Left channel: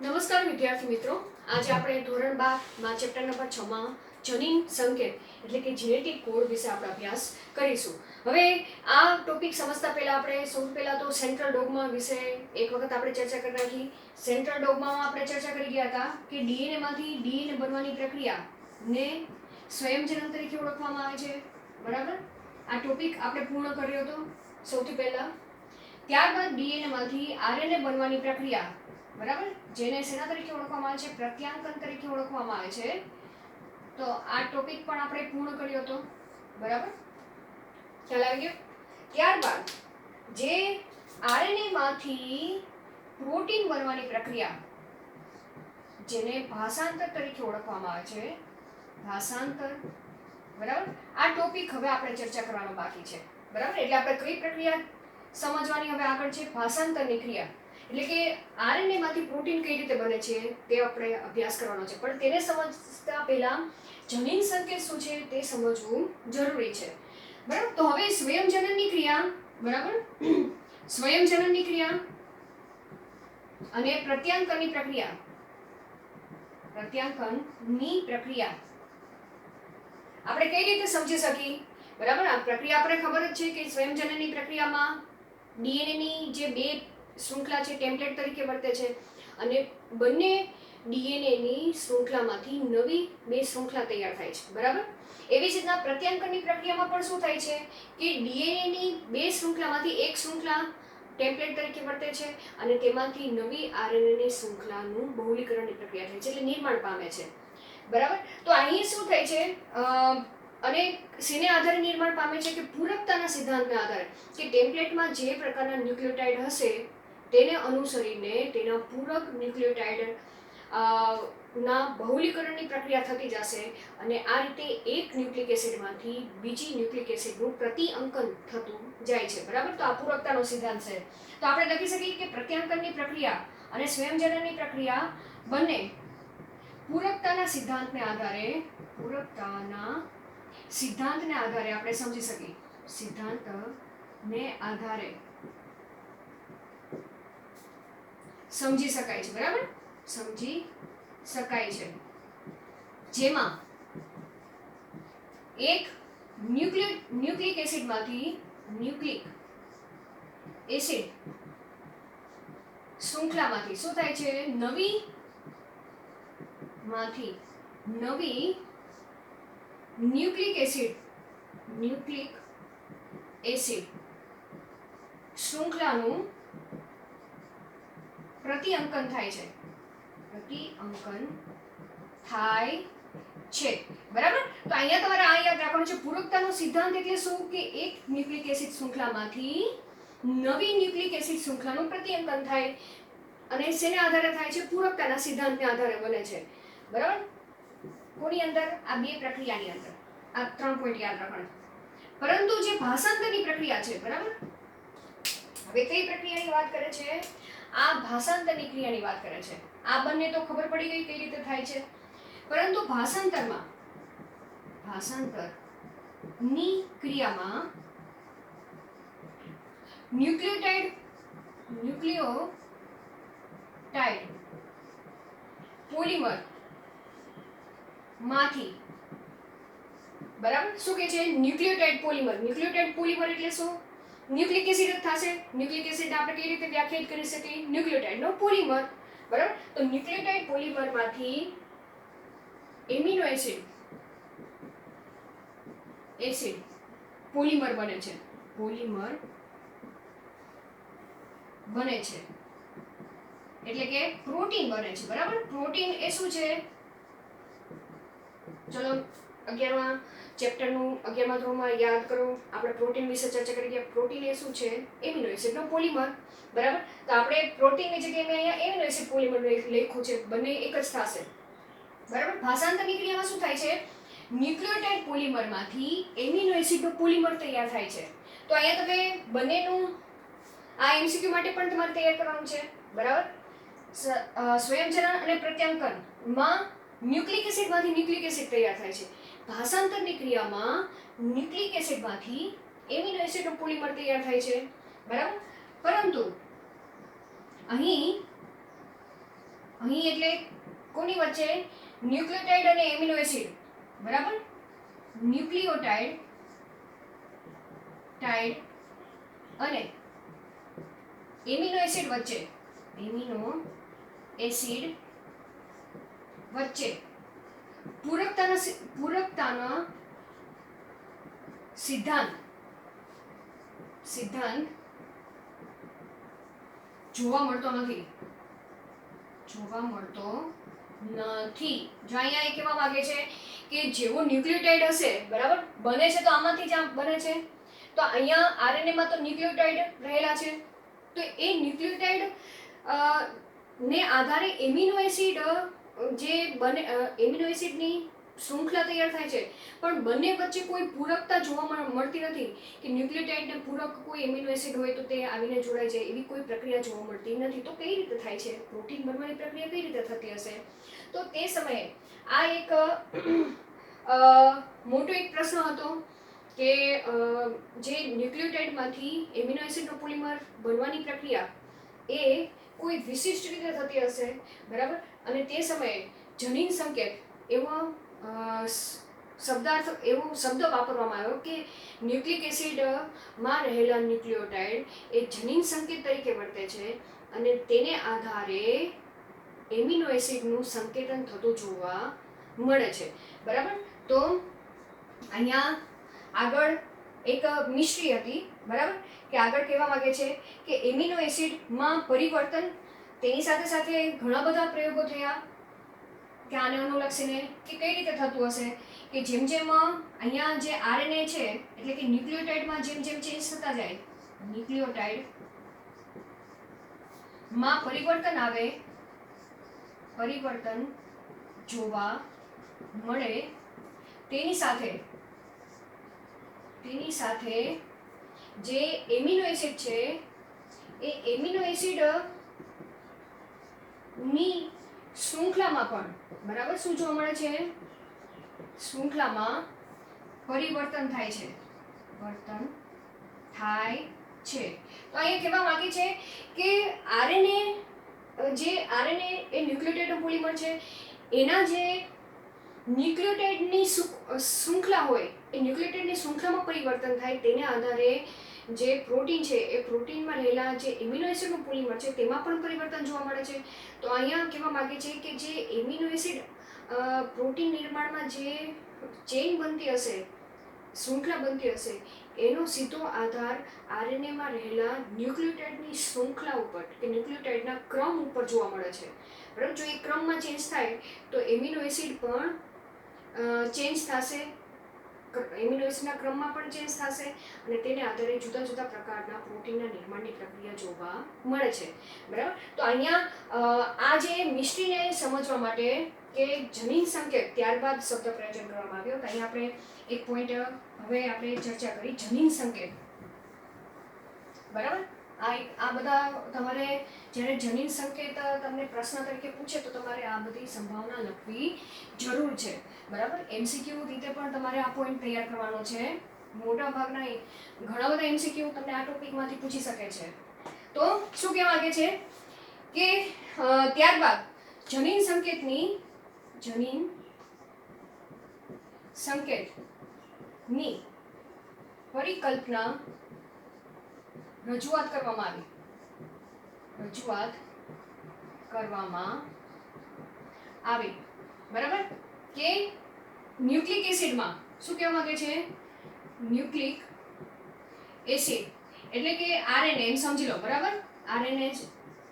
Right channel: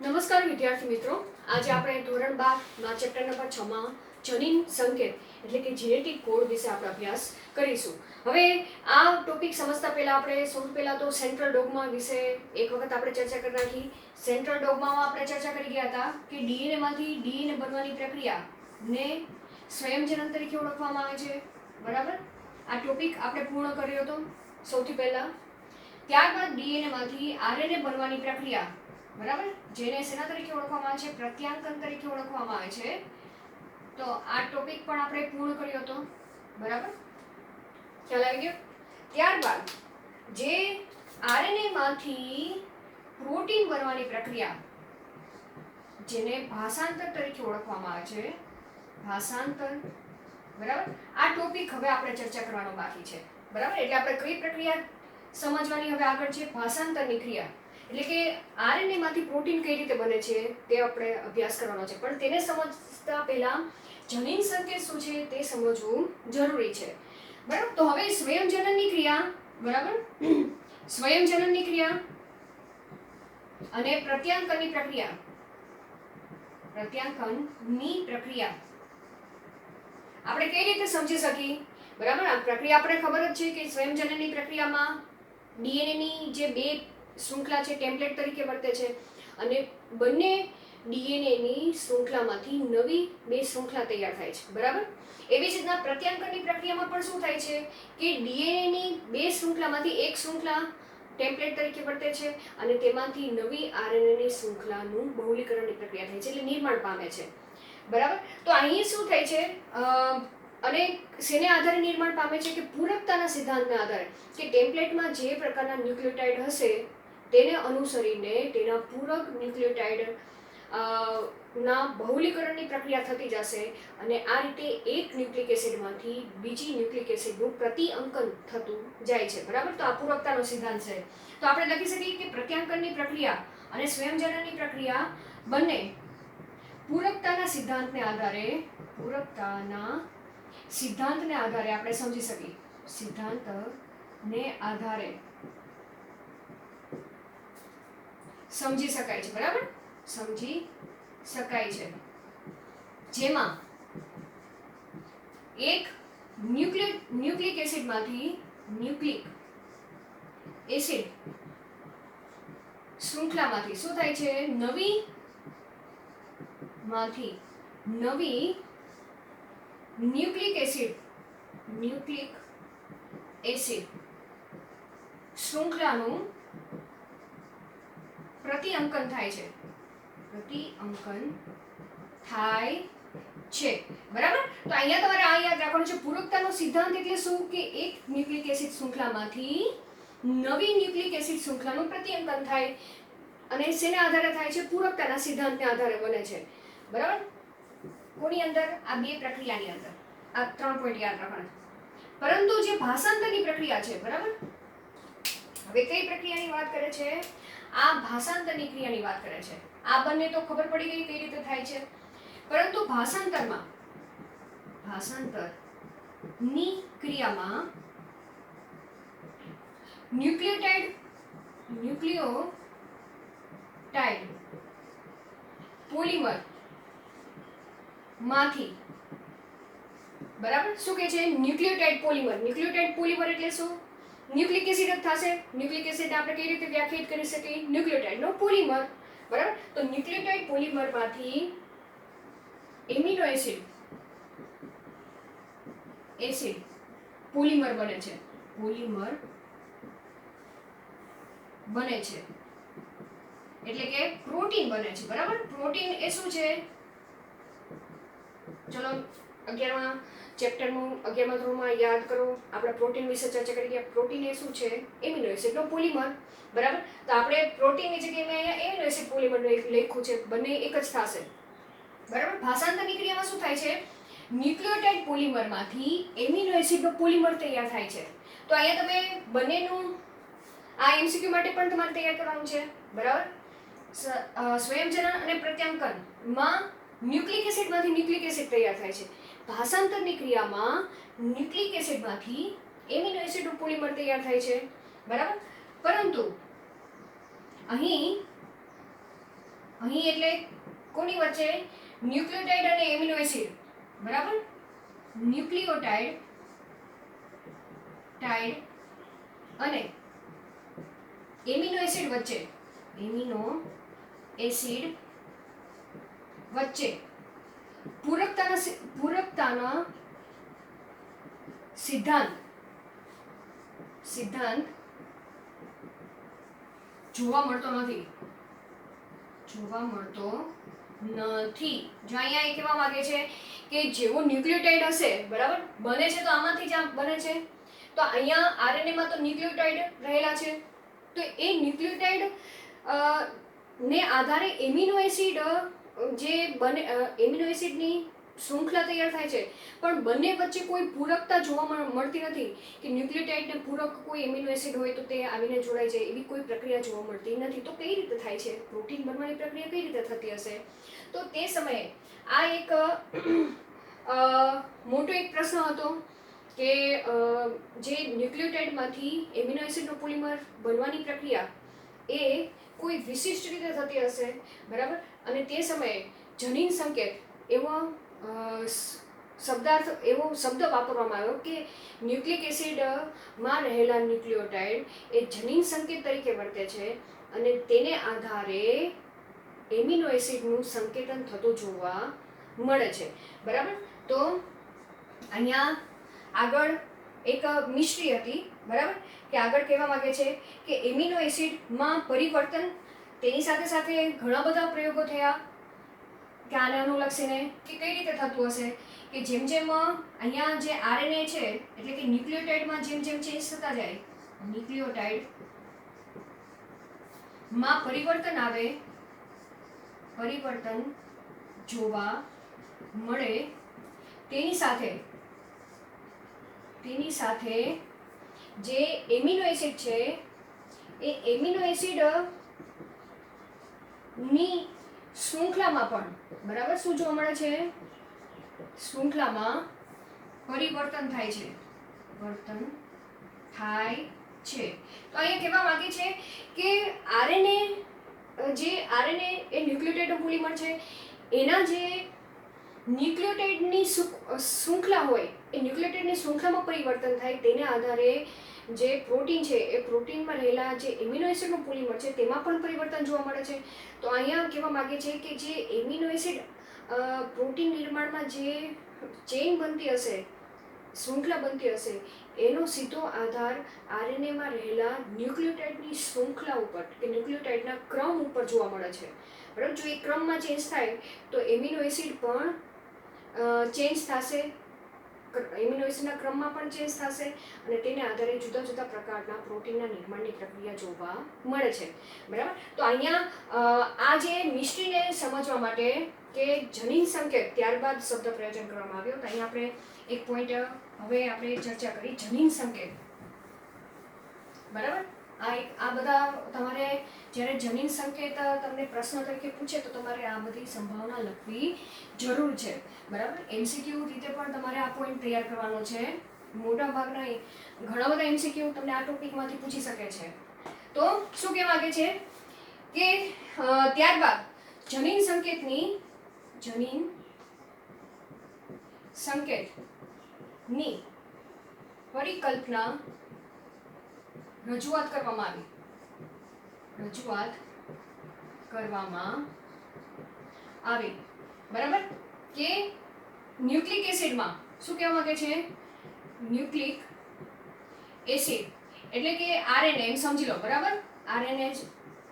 નમસ્કાર વિદ્યાર્થી મિત્રો, આજે આપણે ધોરણ 12 ચેપ્ટર નંબર 6 માં જનીન સંકેત એટલે કે જેનેટિક કોડ વિશે આપણે અભ્યાસ કરીશું. હવે આ ટોપિક સમજતા પહેલા આપણે સૌથી પહેલા તો સેન્ટ્રલ ડોગમા વિશે એક વખત આપણે ચર્ચા કરી નાખી. સેન્ટ્રલ ડોગમામાં આપણે ચર્ચા કરી ગયા હતા કે ડીએનએ માંથી ડીએનએ બનવાની પ્રક્રિયાને સ્વયંજનન તરીકે ઓળખવામાં આવે છે. બરાબર, આ ટોપિક આપણે પૂર્ણ કર્યો હતો સૌથી પહેલા. ત્યારબાદ ડીએનએ માંથી આરએનએ બનવાની પ્રક્રિયા, બરાબર, જેને શેના તરીકે ઓળખવામાં આવે છે? પ્રત્યાંકન તરીકે ઓળખવામાં આવે છે. તો આ ટોપિક પણ આપણે પૂર્ણ કર્યો હતો. બરાબર, ખ્યાલ આવી ગયો? ત્યારબાદ જે આરએનએ માંથી પ્રોટીન બનવાની પ્રક્રિયા, જેને ભાષાંતર તરીકે ઓળખવામાં આવે છે, ભાષાંતર. બરાબર, આ ટોપિક હવે આપણે ચર્ચા કરવાનો બાકી છે. બરાબર, એટલે આપણે કઈ પ્રક્રિયા સમજવાની હવે આગળ છે? ભાષાંતરની ક્રિયા. એટલે કે આરએનએ માંથી પ્રોટીન કઈ રીતે બને છે તે આપણે અભ્યાસ કરવાનો છે. પણ તેને સમજતા પહેલા જનીન સંકેત શું છે તે સમજવું જરૂરી છે. બરાબર, તો હવે સ્વયંજનનની ક્રિયા, બરાબર, સ્વયંજનનની ક્રિયા અને પ્રત્યાંકનની પ્રક્રિયા, પ્રત્યાંકનની પ્રક્રિયા આપણે કઈ રીતે સમજી શકીએ? બરાબર, આ પ્રક્રિયા આપણે ખબર જ છે કે સ્વયંજનનની પ્રક્રિયામાં ડીએનએની જે બે શૃંખલા છે ટેમ્પલેટ તરીકે વર્તે છે અને બંને ડીએનએની શૃંખલામાંથી નવી બે શૃંખલા તૈયાર થાય છે. બરાબર, એવી જ રીતના પ્રત્યાંકનની પ્રક્રિયામાં પણ શું થાય છે કે ડીએનએની બે શૃંખલામાંથી એક શૃંખલા ટેમ્પલેટ તરીકે વર્તે છે અને તેમાંથી નવી આરએનએની શૃંખલાનું બહુલીકરણની પ્રક્રિયા થાય છે, એટલે નિર્માણ પામે છે. બરાબર, તો અહીં શું થાય છે અને શેને આધારે નિર્માણ પામે છે કે પૂરકતાના સિદ્ધાંતના આધારે, કે ટેમ્પલેટમાં જે પ્રકારના ન્યુક્લિયોટાઇડ હશે તેને અનુસરીને તેના પૂરક ન્યુક્લિયોટાઇડ ના બહુલીકરણની પ્રક્રિયા થતી જશે અને આ રીતે એક ન્યુક્લિક એસિડમાંથી બીજી ન્યુક્લિક એસિડનું પ્રતિઅંકન થતું જાય છે. બરાબર, તો આ પૂરકતાનો સિદ્ધાંત છે. તો આપણે લખી શકીએ કે પ્રત્યાંકનની પ્રક્રિયા અને સ્વયંજનનની પ્રક્રિયા બંને પૂરકતાના સિદ્ધાંતને આધારે, પૂરકતાના સિદ્ધાંતને આધારે આપણે સમજી શકીએ. સિદ્ધાંતને આધારે સમજી શકાય છે. બરાબર, સમજી શકાય છે. જેમાં એક ન્યુક્લિક એસિડમાંથી ન્યુક્લિક એસિડ શૃંખલામાંથી શું થાય છે? નવી ન્યુક્લિક એસિડ શૃંખલાનું પ્રતિઅંકન થાય છે. બરાબર, તો અહીંયા તમારે આ યાદ રાખવાનું છે. પૂરકતાનો સિદ્ધાંત એટલે શું? કે એક ન્યુક્લિક એસિડ શૃંખલામાંથી નવી ન્યુક્લિક એસિડ શૃંખલાનું પ્રતિઅંકન થાય અને શેના આધારે થાય છે? પૂરકતાના સિદ્ધાંતને આધારે બને છે. બરાબર, કોની અંદર? આ બે પ્રક્રિયાની અંદર. આ 3 પોઈન્ટ યાદ રાખવાના. પરંતુ જે ભાષાંતરની પ્રક્રિયા છે, બરાબર, હવે કઈ પ્રક્રિયાની વાત કરે છે? આ ભાષાંતરની ક્રિયાની વાત કરે છે. આ બંને તો ખબર પડી ગઈ કઈ રીતે થાય છે. પરંતુ ભાષાંતરની ક્રિયામાં ન્યુક્લિયોટાઇડ પોલિમર માંથી, બરાબર, શું કે છે? ન્યુક્લિયોટાઇડ પોલિમર એટલે શું? ન્યુક્લિક એસિડ જ થશે. ન્યુક્લિક એસિડ આપણે કઈ રીતે વ્યાખ્યાયિત કરી શકીએ? ન્યુક્લિયોટાઇડનો પોલિમર. બરાબર, તો ન્યુક્લિયોટાઇડ પોલિમરમાંથી એમિનો એસિડ પોલિમર બને છે. એટલે કે પ્રોટીન બને છે. બરાબર, પ્રોટીન એ શું છે? ચલો 11મા ચેપ્ટરનું 11મા ધોરણમાં યાદ કરો, આપણે પ્રોટીન વિશે ચર્ચા કરી ગયા. પ્રોટીન એ શું છે? એમિનો એસિડનો પોલિમર. બરાબર, તો આપણે પ્રોટીનની જગ્યાએ મેં અહીંયા એમિનો એસિડ પોલિમર લખ્યું છે, બંને એક જ થશે. બરાબર, ભાષાંતરની ક્રિયામાં શું થાય છે? ન્યુક્લિયોટાઇડ પોલિમરમાંથી એમિનો એસિડનો પોલિમર તૈયાર થાય છે. તો અહીંયા તમે બંનેનું આ એમસીક્યુ માટે પણ તમારે તૈયાર કરવાનું છે. બરાબર, સ્વયંજનન અને પ્રત્યાંકનમાં ન્યુક્લિક એસિડમાંથી ન્યુક્લિક એસિડ તૈયાર થાય છે. ભાષાંતરની ક્રિયામાં ન્યુક્લિક એસિડમાંથી એમિનો એસિડનો પોલિમર તૈયાર થાય છે. બરાબર, પરંતુ અહીં અહીં એટલે કોની વચ્ચે? ન્યુક્લિયોટાઇડ અને એમિનો એસિડ, બરાબર? ન્યુક્લિયોટાઇડ અને એમિનો એસિડ વચ્ચે, એમિનો એસિડ વચ્ચે પૂરકતાનો સિદ્ધાંત જોવા મળતો નથી. જો અહીંયા એ કહેવા માંગે છે કે જેવો ન્યુક્લિયોટાઇડ હશે, બરાબર, બને છે તો આમાંથી જ આમ બને છે, તો અહીંયા આરએનએ માં તો ન્યુક્લિયોટાઇડ રહેલા છે, તો એ ન્યુક્લિયોટાઇડ ને આધારે એમિનો એસિડ જે બને, એમિનો એસિડની શૃંખલા તૈયાર થાય છે, પણ બંને વચ્ચે કોઈ પૂરકતા જોવા મળતી નથી કે ન્યુક્લિયોટાઇડને પૂરક કોઈ એમિનો એસિડ હોય તો તે આવીને જોડાય છે, એવી કોઈ પ્રક્રિયા જોવા મળતી નથી. તો કઈ રીતે થાય છે? પ્રોટીન બનવાની પ્રક્રિયા કઈ રીતે થતી હશે? તો તે સમયે આ એક મોટો એક પ્રશ્ન હતો કે જે ન્યુક્લિયોટાઇડમાંથી એમિનો એસિડનો પોલિમર બનવાની પ્રક્રિયા એ કોઈ વિશિષ્ટ રીતે થતી હશે, બરાબર? અને તે સમયે જનીન સંકેત એવો શબ્દ વાપરવામાં આવ્યો કે ન્યુક્લિક એસિડમાં રહેલા ન્યુક્લિયોટાઇડ એ જનીન સંકેત તરીકે વર્તે છે અને તેને આધારે એમિનો એસિડનું સંકેતન થતું જોવા મળે છે, બરાબર? તો અહીંયા આગળ એક મિસ્ટ્રી હતી, બરાબર, કે આગળ કહેવા માંગે છે કે એમિનો એસિડમાં પરિવર્તન, તેની સાથે સાથે ઘણા બધા પ્રયોગો થયા કે આને અનુલક્ષીને કે કઈ રીતે થતું હશે કે જેમ જેમ અહીંયા જે આરએનએ છે એટલે કે ન્યુક્લિયોટાઇડમાં જેમ જેમ ચેન્જ થતા જાય, ન્યુક્લિયોટાઇડમાં પરિવર્તન જોવા મળે, તેની સાથે જે એમિનો એસિડ છે એ એમિનો એસિડ ની શૃંખલામાં પણ, બરાબર, શું જોવા મળે છે? શૃંખલામાં પરિવર્તન થાય છે. તો અહીંયા કહેવા માંગે છે કે આરએનએ એ ન્યુક્લિયોટાઇડનું પોલિમર છે, એના જે ન્યુક્લિયોટાઇડની શૃંખલા હોય એ ન્યુક્લિયોટાઇડની શૃંખલામાં પરિવર્તન થાય, તેને આધારે જે પ્રોટીન છે એ પ્રોટીનમાં રહેલા જે એમિનો એસિડનું પોલિમર છે તેમાં પણ પરિવર્તન જોવા મળે છે. તો અહીંયા કહેવા માંગે છે કે જે એમિનો એસિડ પ્રોટીન નિર્માણમાં જે ચેઇન બનતી હશે, શૃંખલા બનતી હશે, એનો સીધો આધાર આરએનએમાં રહેલા ન્યુક્લિયોટાઇડની શૃંખલા ઉપર કે ન્યુક્લિયોટાઇડના ક્રમ ઉપર જોવા મળે છે, બરાબર? જો એ ક્રમમાં ચેન્જ થાય તો એમિનો એસિડ પણ ચેન્જ થશે, એમિનો એસિડના ક્રમમાં પણ ચેન્જ થશે અને તેને આધારે જુદા જુદા પ્રકારના પ્રોટીનના નિર્માણની પ્રક્રિયા જોવા મળે છે, બરાબર? તો અહીંયા આ જે મિસ્ટ્રીને સમજવા માટે કે જનીન સંકેત ત્યારબાદ શબ્દ પ્રયોજન કરવામાં આવ્યો, તો અહીંયા આપણે એક પોઈન્ટ હવે આપણે ચર્ચા કરી, જનીન સંકેત, બરાબર? આ બધા તમારે જ્યારે જનીન સંકેત તમને પ્રશ્ન તરીકે પૂછે તો તમારે આ બધી સંભાવના લખવી જરૂર છે, બરાબર? એમસીક્યુ રીતે પણ તમારે આ પોઈન્ટ તૈયાર કરવાનો છે. મોટા ભાગના ઘણા બધા એમસીક્યુ તમને આ ટોપિકમાંથી પૂછી શકે છે. તો શું કહેવા માંગે છે કે ત્યારબાદ જનીન સંકેતની પરિકલ્પના રજૂઆત કરવામાં આવી, બરાબર? કે ન્યુક્લિક એસિડમાં શું કહેવા માંગે છે? ન્યુક્લિક એસિડ એટલે કે આરએનએ, એમ સમજી લો, બરાબર? આરએનએ જ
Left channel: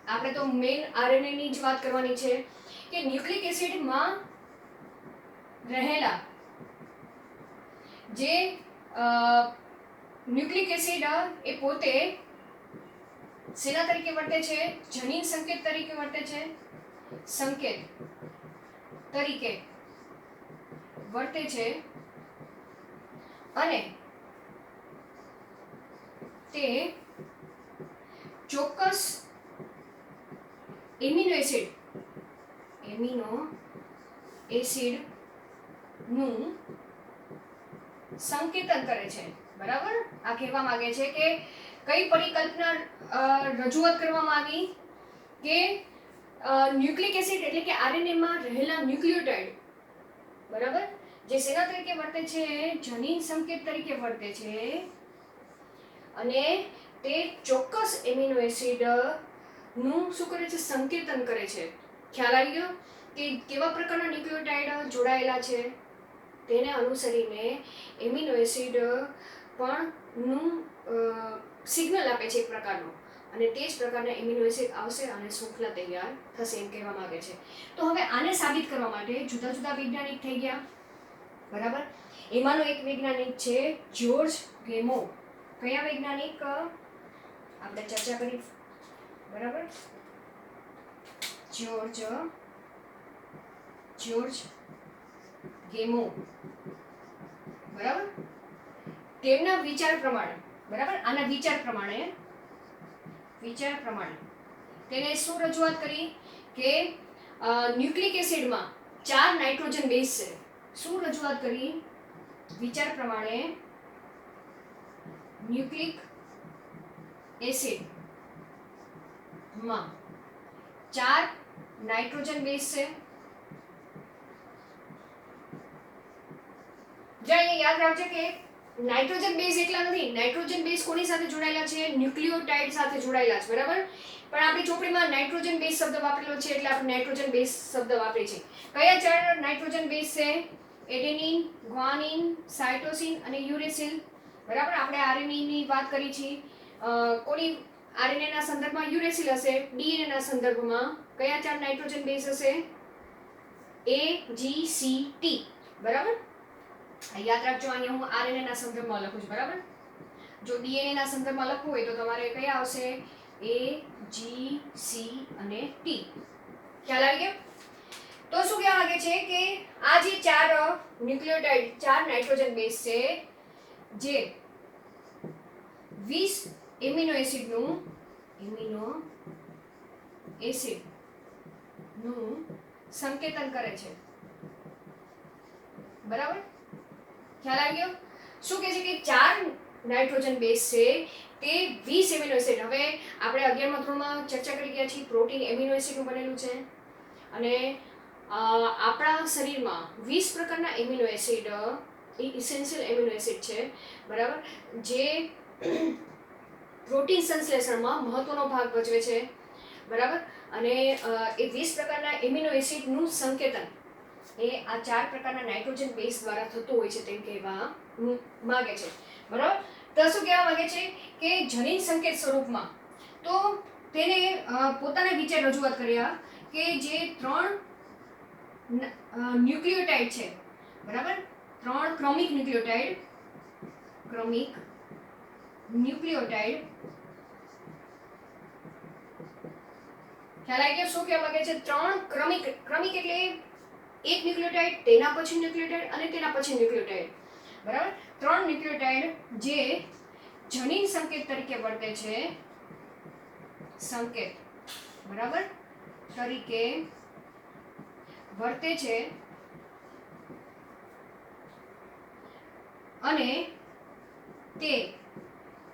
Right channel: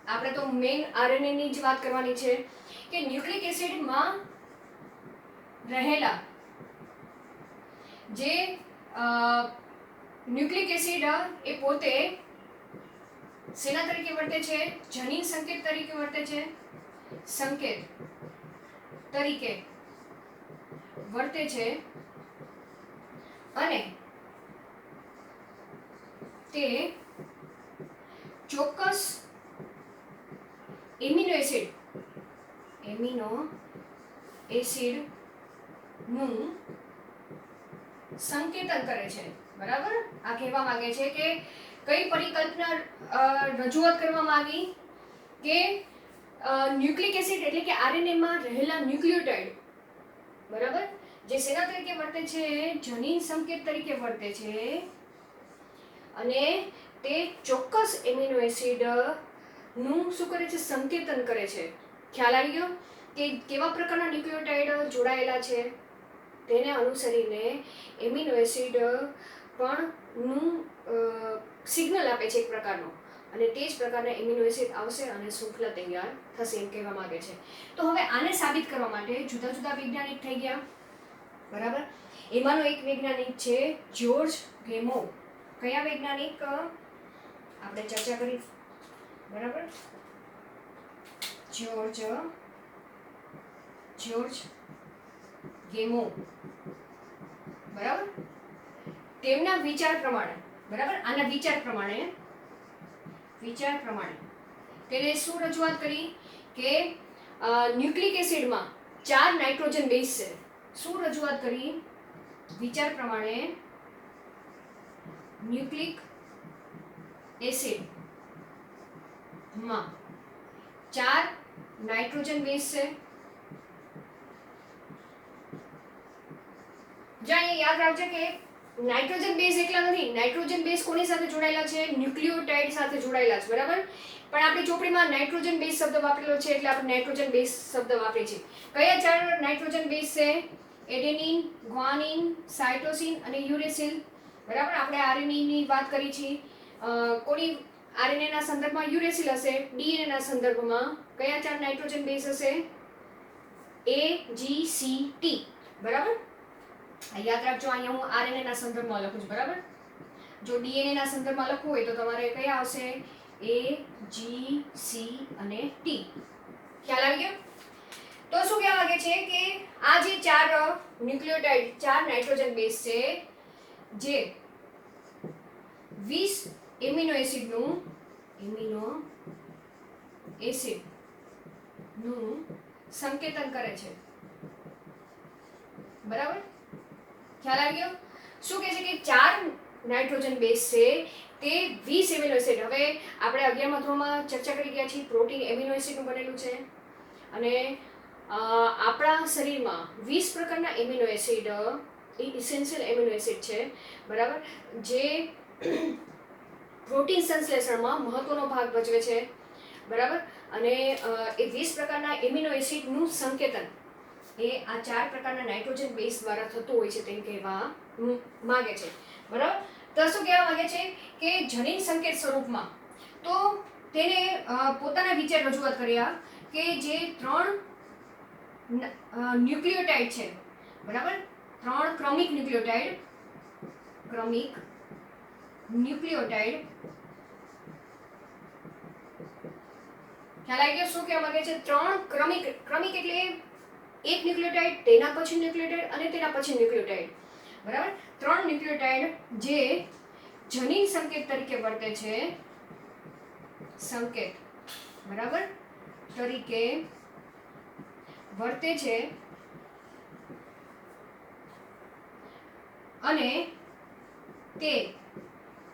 આપણે તો મેઇન આરએનએ ની જ વાત કરવાની છે કે ન્યુક્લિક એસિડમાં રહેલા જે ન્યુક્લિક એસિડ એ પોતે શેના તરીકે વર્તે છે? જનીન સંકેત તરીકે વર્તે છે, અને તે ચોક્કસ એમિનો એસિડનું સંકેતન કરે છે, બરાબર? આ કહેવા માંગે છે કે કઈ પરિકલ્પના રજૂઆત કરવામાં આવી કે ન્યુક્લિક એસિડ એટલે કે આરએનએ માં રહેલા ન્યુક્લિયોટાઇડ, બરાબર, જે શેના તરીકે વર્તે છે, જનીન સંકેત તરીકે વર્તે છે, અને તે ચોક્કસ એમિનો એસિડ નું શું કરે છે, સંકેતન કરે છે. ખ્યાલ આવી ગયો કે કેવા પ્રકારના ન્યુક્લિયોટાઇડ જોડાયેલા છે, તેને અનુસરીને એમિનો એસિડ પણ નું સિગ્નલ આપે છે એક પ્રકારનું, અને તે જ પ્રકારના એમિનો એસિડ આવશે અને શૃંખલા તૈયાર થશે એમ કહેવા માંગે છે. તો હવે આને સાબિત કરવા માટે જુદા જુદા વૈજ્ઞાનિક થઈ ગયા, બરાબર. એમાંનો એક વૈજ્ઞાનિક છે જ્યોર્જ ગેમો. કયા વૈજ્ઞાનિક આપણે ચર્ચા કરી, બરાબર, જ્યોર્જ ગેમો, બરાબર. તેમના વિચાર પ્રમાણે, બરાબર, આના વિચાર પ્રમાણે તેને શું રજૂઆત કરી કે ન્યુક્લિક એસિડમાં 4 નાઇટ્રોજન બેઝ છે. શું રજૂઆત કરી? વિચાર પ્રમાણે ન્યુક્લિક એસિડમાં 4 નાઇટ્રોજન બેઝ છે. જો અહીંયા યાદ રાખજો કે નાઇટ્રોજન બેઝ એકલા નથી. નાઇટ્રોજન બેઝ કોની સાથે જોડાયેલા છે? ન્યુક્લિયોટાઇડ સાથે જોડાયેલા છે, બરાબર. પણ આપણી ચોપડીમાં નાઇટ્રોજન બેઝ શબ્દ વાપરેલો છે એટલે આપણે નાઇટ્રોજન બેઝ શબ્દ વાપરીએ છીએ. કયા 4 નાઇટ્રોજન બેઝ છે? એડેનિન, ગ્વાનિન, સાયટોસિન અને યુરેસિલ, બરાબર. આપણે આરએનએ ની વાત કરી છે. કોની આરએનએ ના સંદર્ભમાં યુરેસિલ હશે, ડીએનએ ના સંદર્ભમાં કયા 4 નાઇટ્રોજન બેઝ હશે? A G C T, બરાબર. યાદ રાખજો, અહીંયા હું આરએનએ ના સંદર્ભમાં લખું છું, બરાબર. જો ડીએનએ ના સંદર્ભમાં લખવું હોય તો તમારે કયા આવશે? A G C અને T. ખ્યાલ આવી ગયો? તો શું કહેવા માંગે છે કે આ જે 4 ન્યુક્લિયોટાઇડ, 4 નાઇટ્રોજન બેઝ છે, જે 20 એમિનો એસિડનું સંકેતન કરે છે, બરાબર. ખ્યાલ આવી ગયો? શું કહે છે કે 4 નાઇટ્રોજન બેઝ છે તે 20 એમિનો એસિડ. હવે આપણે 11મા ધોરણમાં ચર્ચા કરી ગયા છીએ, પ્રોટીન એમિનો એસિડનું બનેલું છે, અને આપણા શરીરમાં 20 પ્રકારના amino acid essential amino acid છે, બરાબર, જે પ્રોટીન સંશ્લેષણમાં મહત્વનો ભાગ ભજવે છે, બરાબર. અને એ 20 પ્રકારના એમિનો એસિડનું સંકેતન એ આ 4 પ્રકારના નાઇટ્રોજન બેઝ દ્વારા થતું હોય છે તેમ કહેવા માંગે છે, બરાબર. તો શું કહેવા માંગે છે કે જનીન સંકેત સ્વરૂપમાં તો તેને પોતાના વિચાર રજૂઆત કર્યા કે જે 3 ન્યુક્લિયોટાઇડ છે, બરાબર, 3 ક્રમિક ન્યુક્લિયોટાઇડ ખ્યાલ આવી ગયો? શું કહેવા માંગે છે? 3 ક્રમિક એટલે એક ન્યુક્લિયોટાઇડ, તેના પછી ન્યુક્લિયોટાઇડ અને તેના પછી ન્યુક્લિયોટાઇડ, બરાબર. 3 ન્યુક્લિયોટાઇડ જે જનીન સંકેત તરીકે વર્તે છે, બરાબર, તરીકે વર્તે છે, અને તે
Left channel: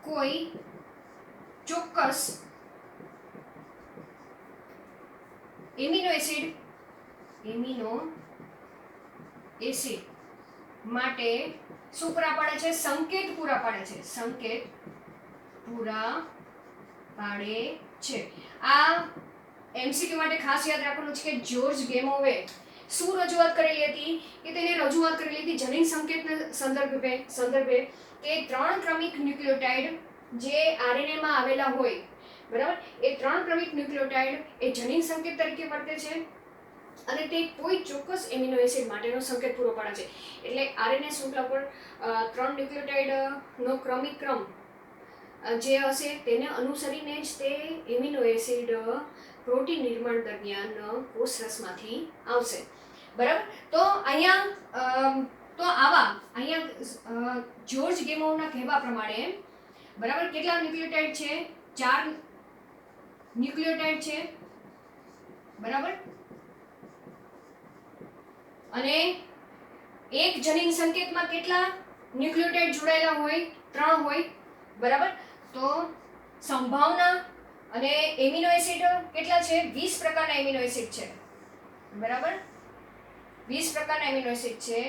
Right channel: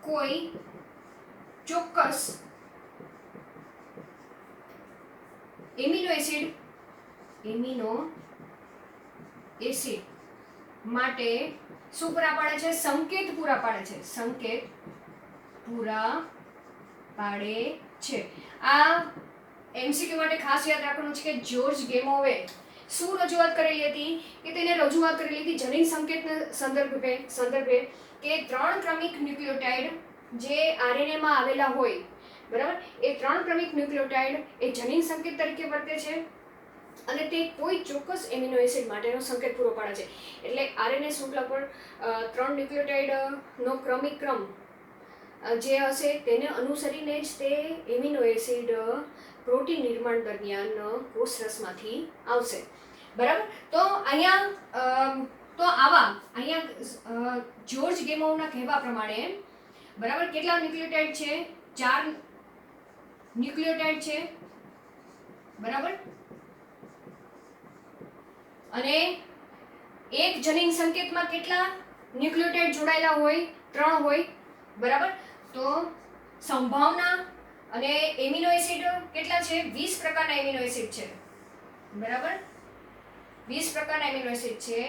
કોઈ ચોક્કસ એમિનો એસિડ માટે શું પૂરા પાડે છે? સંકેત પૂરા પાડે છે. આ એમસીક્યુ માટે ખાસ યાદ રાખવાનું છે કે જ્યોર્જ ગેમોવે શું રજૂઆત કરેલી હતી? કે તેને રજૂઆત કરેલી હતી જનીન સંકેતના સંદર્ભે કે 3 ક્રમિક ન્યુક્લિયોટાઇડ જે આરએનએ માં આવેલા હોય, બરાબર, એ 3 ક્રમિક ન્યુક્લિયોટાઇડ એ જનીન સંકેત તરીકે વર્તે છે, અને તે કોઈ ચોક્કસ એમિનો એસિડ માટેનો સંકેત પૂરો પાડે છે. એટલે આરએનએ શૃંખલા પર 3 ન્યુક્લિયોટાઇડનો ક્રમિક ક્રમ જે હશે તેને અનુસરીને જ તે એમિનો એસિડ પ્રોટીન નિર્માણ દરમિયાન કોષરસમાંથી આવશે, બરાબર. તો અહીંયા જ્યોર્જ ગેમોવના કહેવા પ્રમાણે, બરાબર, કેટલા ન્યુક્લિયોટાઇડ છે? 4 ન્યુક્લિયોટાઇડ છે, બરાબર, અને એક જનીન સંકેતમાં કેટલા ન્યુક્લિયોટાઇડ જોડાયેલા હોય? 3 હોય, બરાબર. તો સંભાવના અને એમિનો એસિડ કેટલા છે? 20 પ્રકારના એમિનો એસિડ છે, બરાબર? 20 પ્રકારના એમિનો એસિડ છે.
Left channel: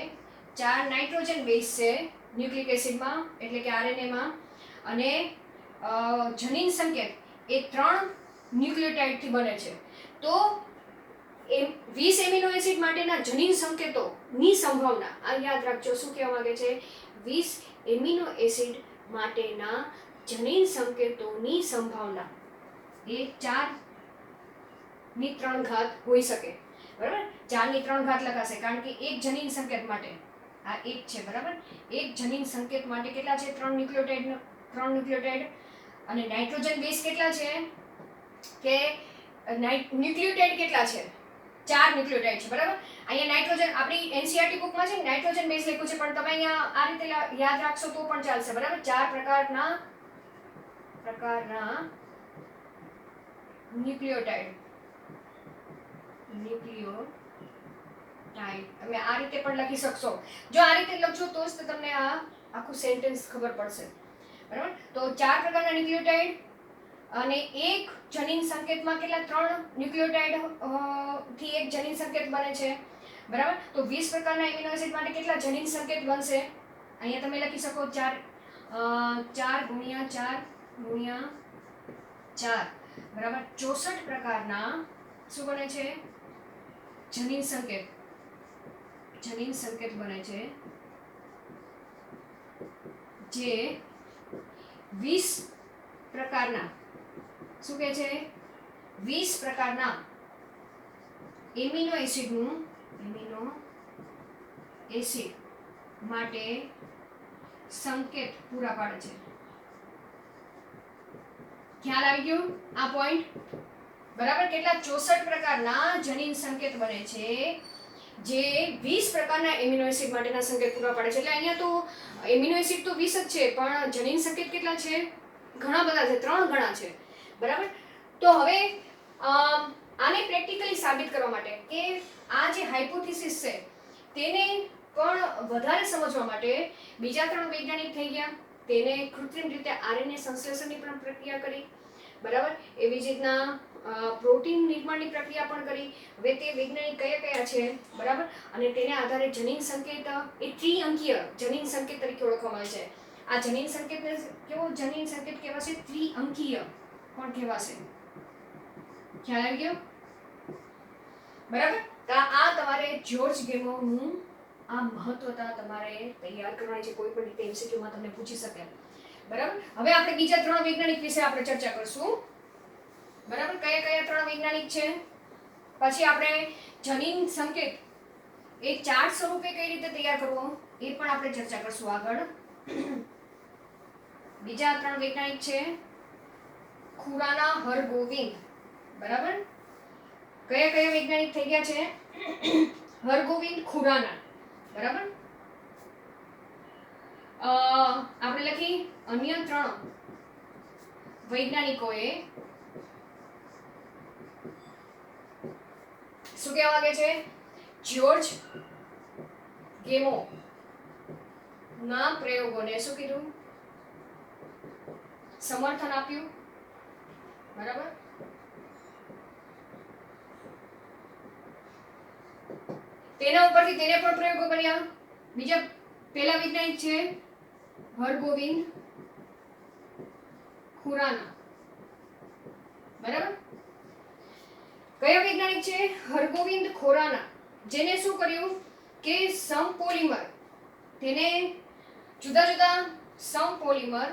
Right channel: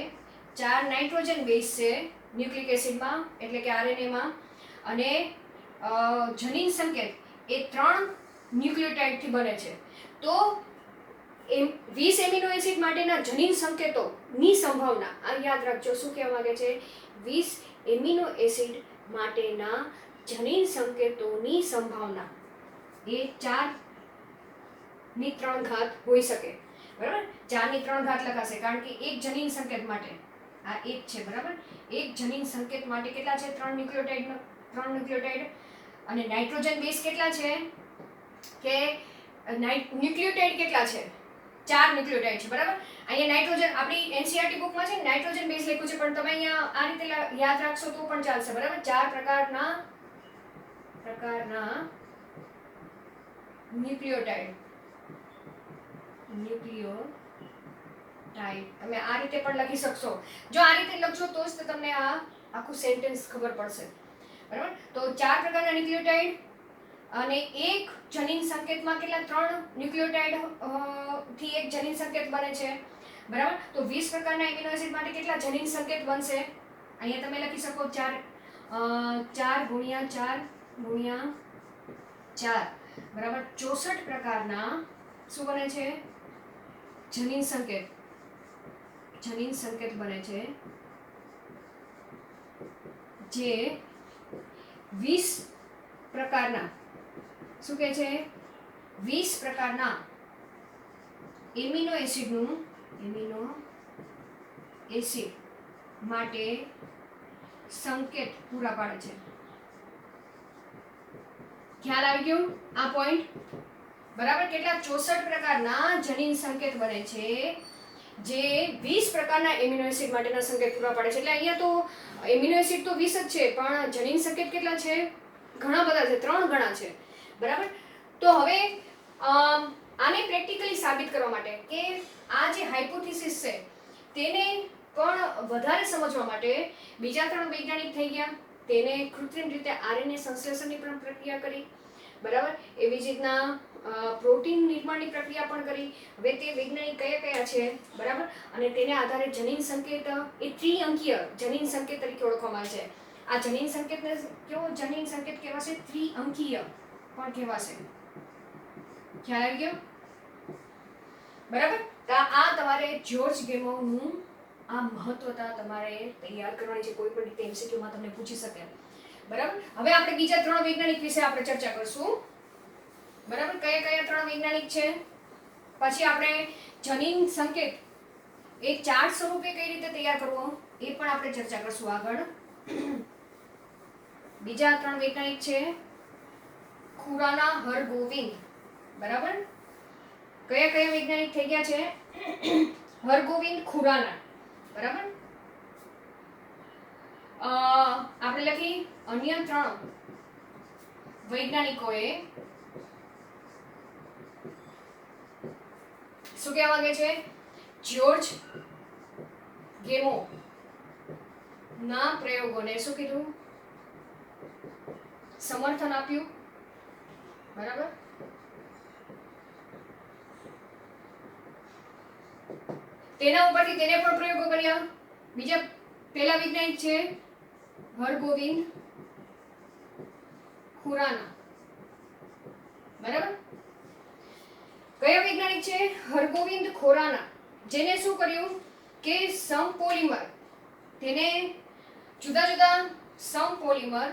4 નાઇટ્રોજન બેઝ છે ન્યુક્લિક એસિડમાં, એટલે કે આરએનએમાં, અને જનીન સંકેત એ 3 ન્યુક્લિયોટાઇડથી બને છે. તો 20 એમિનો એસિડ માટેના જનીન સંકેતોની સંભાવના, આ યાદ રાખજો. શું કહેવા માંગે છે? 20 એમિનો એસિડ માટેના જનીન સંકેતોની સંભાવના એ 4⁻³ હોઈ શકે, બરાબર? 4⁻³ લખાશે, કારણ કે એક જનીન સંકેત માટે, આ એક છે, બરાબર? એક જનીન સંકેત માટે કેટલા છે? 3 ન્યુક્લિયોટાઇડ. અને નાઇટ્રોજન બેઝ કેટલા છે? કે ન્યુક્લિયોટાઇડ કેટલા છે? 4 ન્યુક્લિયોટાઇડ છે, બરાબર? અહીંયા નાઇટ્રોજન, આપણી એનસીઈઆરટી બુકમાં છે નાઇટ્રોજન બેઝ લખ્યું છે, પણ તમે અહીંયા આ રીતે યાદ રાખશો તો પણ ચાલશે, બરાબર? 4 પ્રકારના ન્યુક્લિયોટાઇડ તમે આ રીતે પણ લખી શકશો. જો આ રીતે લખશો તો જ તમને આ આખું સેન્ટેન્સ ખબર પડશે, બરાબર? તો 4 પ્રકારના ન્યુક્લિયોટાઇડ અને એક જનીન સંકેતમાં કેટલા? 3 ન્યુક્લિયોટાઇડ થી એક જનીન સંકેત બને છે, બરાબર? તો 20 પ્રકારના એમિનો એસિડ માટે કેટલા જનીન સંકેત બનશે? અહીંયા તમે લખી શકો 4 × 4 × 4, બરાબર? 64 પ્રકારના શું બને છે? જનીન સંકેત બને છે, જે 20 પ્રકારના, શું કહે છે? 20 પ્રકારના એમિનો એસિડ માટે સંકેત પૂરા પાડે છે. ખ્યાલ આવી ગયો આ પોઈન્ટ? બરાબર? કેટલા? 64 પ્રકારના જનીન સંકેત બને છે, જે 20 પ્રકારના એમિનો એસિડ માટેના સંકેત પૂરા પાડે છે. એટલે અહીંયા તો એમિનો એસિડ તો 20 જ છે, પણ જનીન સંકેત કેટલા છે? ઘણા બધા છે, 3 ગણા છે, બરાબર? તો હવે આને પ્રેક્ટિકલી સાબિત કરવા માટે કે આ જે હાઇપોથિસિસ છે તેને પણ વધારે સમજવા માટે બીજા 3 વૈજ્ઞાનિક થઈ ગયા. તેને કૃત્રિમ રીતે આરએનએ સંશ્લેષણની પણ પ્રક્રિયા કરી, બરાબર? એવી જ રીતના પ્રોટીન નિર્માણની પ્રક્રિયા પણ કરી. હવે તે વૈજ્ઞાનિક કયા છે, બરાબર? અને તેના આધારે જનીન સંકેત એ ત્રિઅંકીય જનીન સંકેત તરીકે ઓળખવામાં આવે છે. આ જનીન સંકેતને કેવો જનીન સંકેત કહેવાશે? ત્રિઅંકીય પણ કહેવાશે. ખ્યાલ આવી ગયો? બરાબર? આ તમારે જ્યોર્જ ગેમોરનું આ મહત્વતા તમારે તૈયાર કરવાની છે. કોઈ પણ રીતે એમસીક્યુમાં તમને પૂછી શકે, બરાબર? હવે આપણે બીજા 3 વૈજ્ઞાનિક વિશે આપણે ચર્ચા કરશું, બરાબર? કયા 3 વૈજ્ઞાનિક છે? પછી આપણે જનીન સંકેત એ ચાર્ટ સ્વરૂપે કઈ રીતે તૈયાર કરવો એ પણ આપણે ચર્ચા કરશું આગળ. બીજા 3 વૈજ્ઞાનિક છે ખુરાના હરગોવિંદ, બરાબર? કયા વૈજ્ઞાનિક થઈ ગયા છે? હરગોવિંદ ખુરાના, બરાબર? આપણે લખી અન્ય 3 વૈજ્ઞાનિકોએ શું કહેવા માંગે છે? જ્યોર્જ ગેમો ના પ્રયોગોને શું કીધું? સમર્થન આપ્યું, બરાબર? તેના ઉપરથી તેને પણ પ્રયોગો કર્યા. બીજા પહેલા વૈજ્ઞાનિક છે હરગોવિંદ ખુરાના, બરાબર? કયા વૈજ્ઞાનિક છે? હરગોવિંદ ખુરાના, જેને શું કર્યું કે સમપોલિમર, તેને જુદા જુદા સમપોલિમર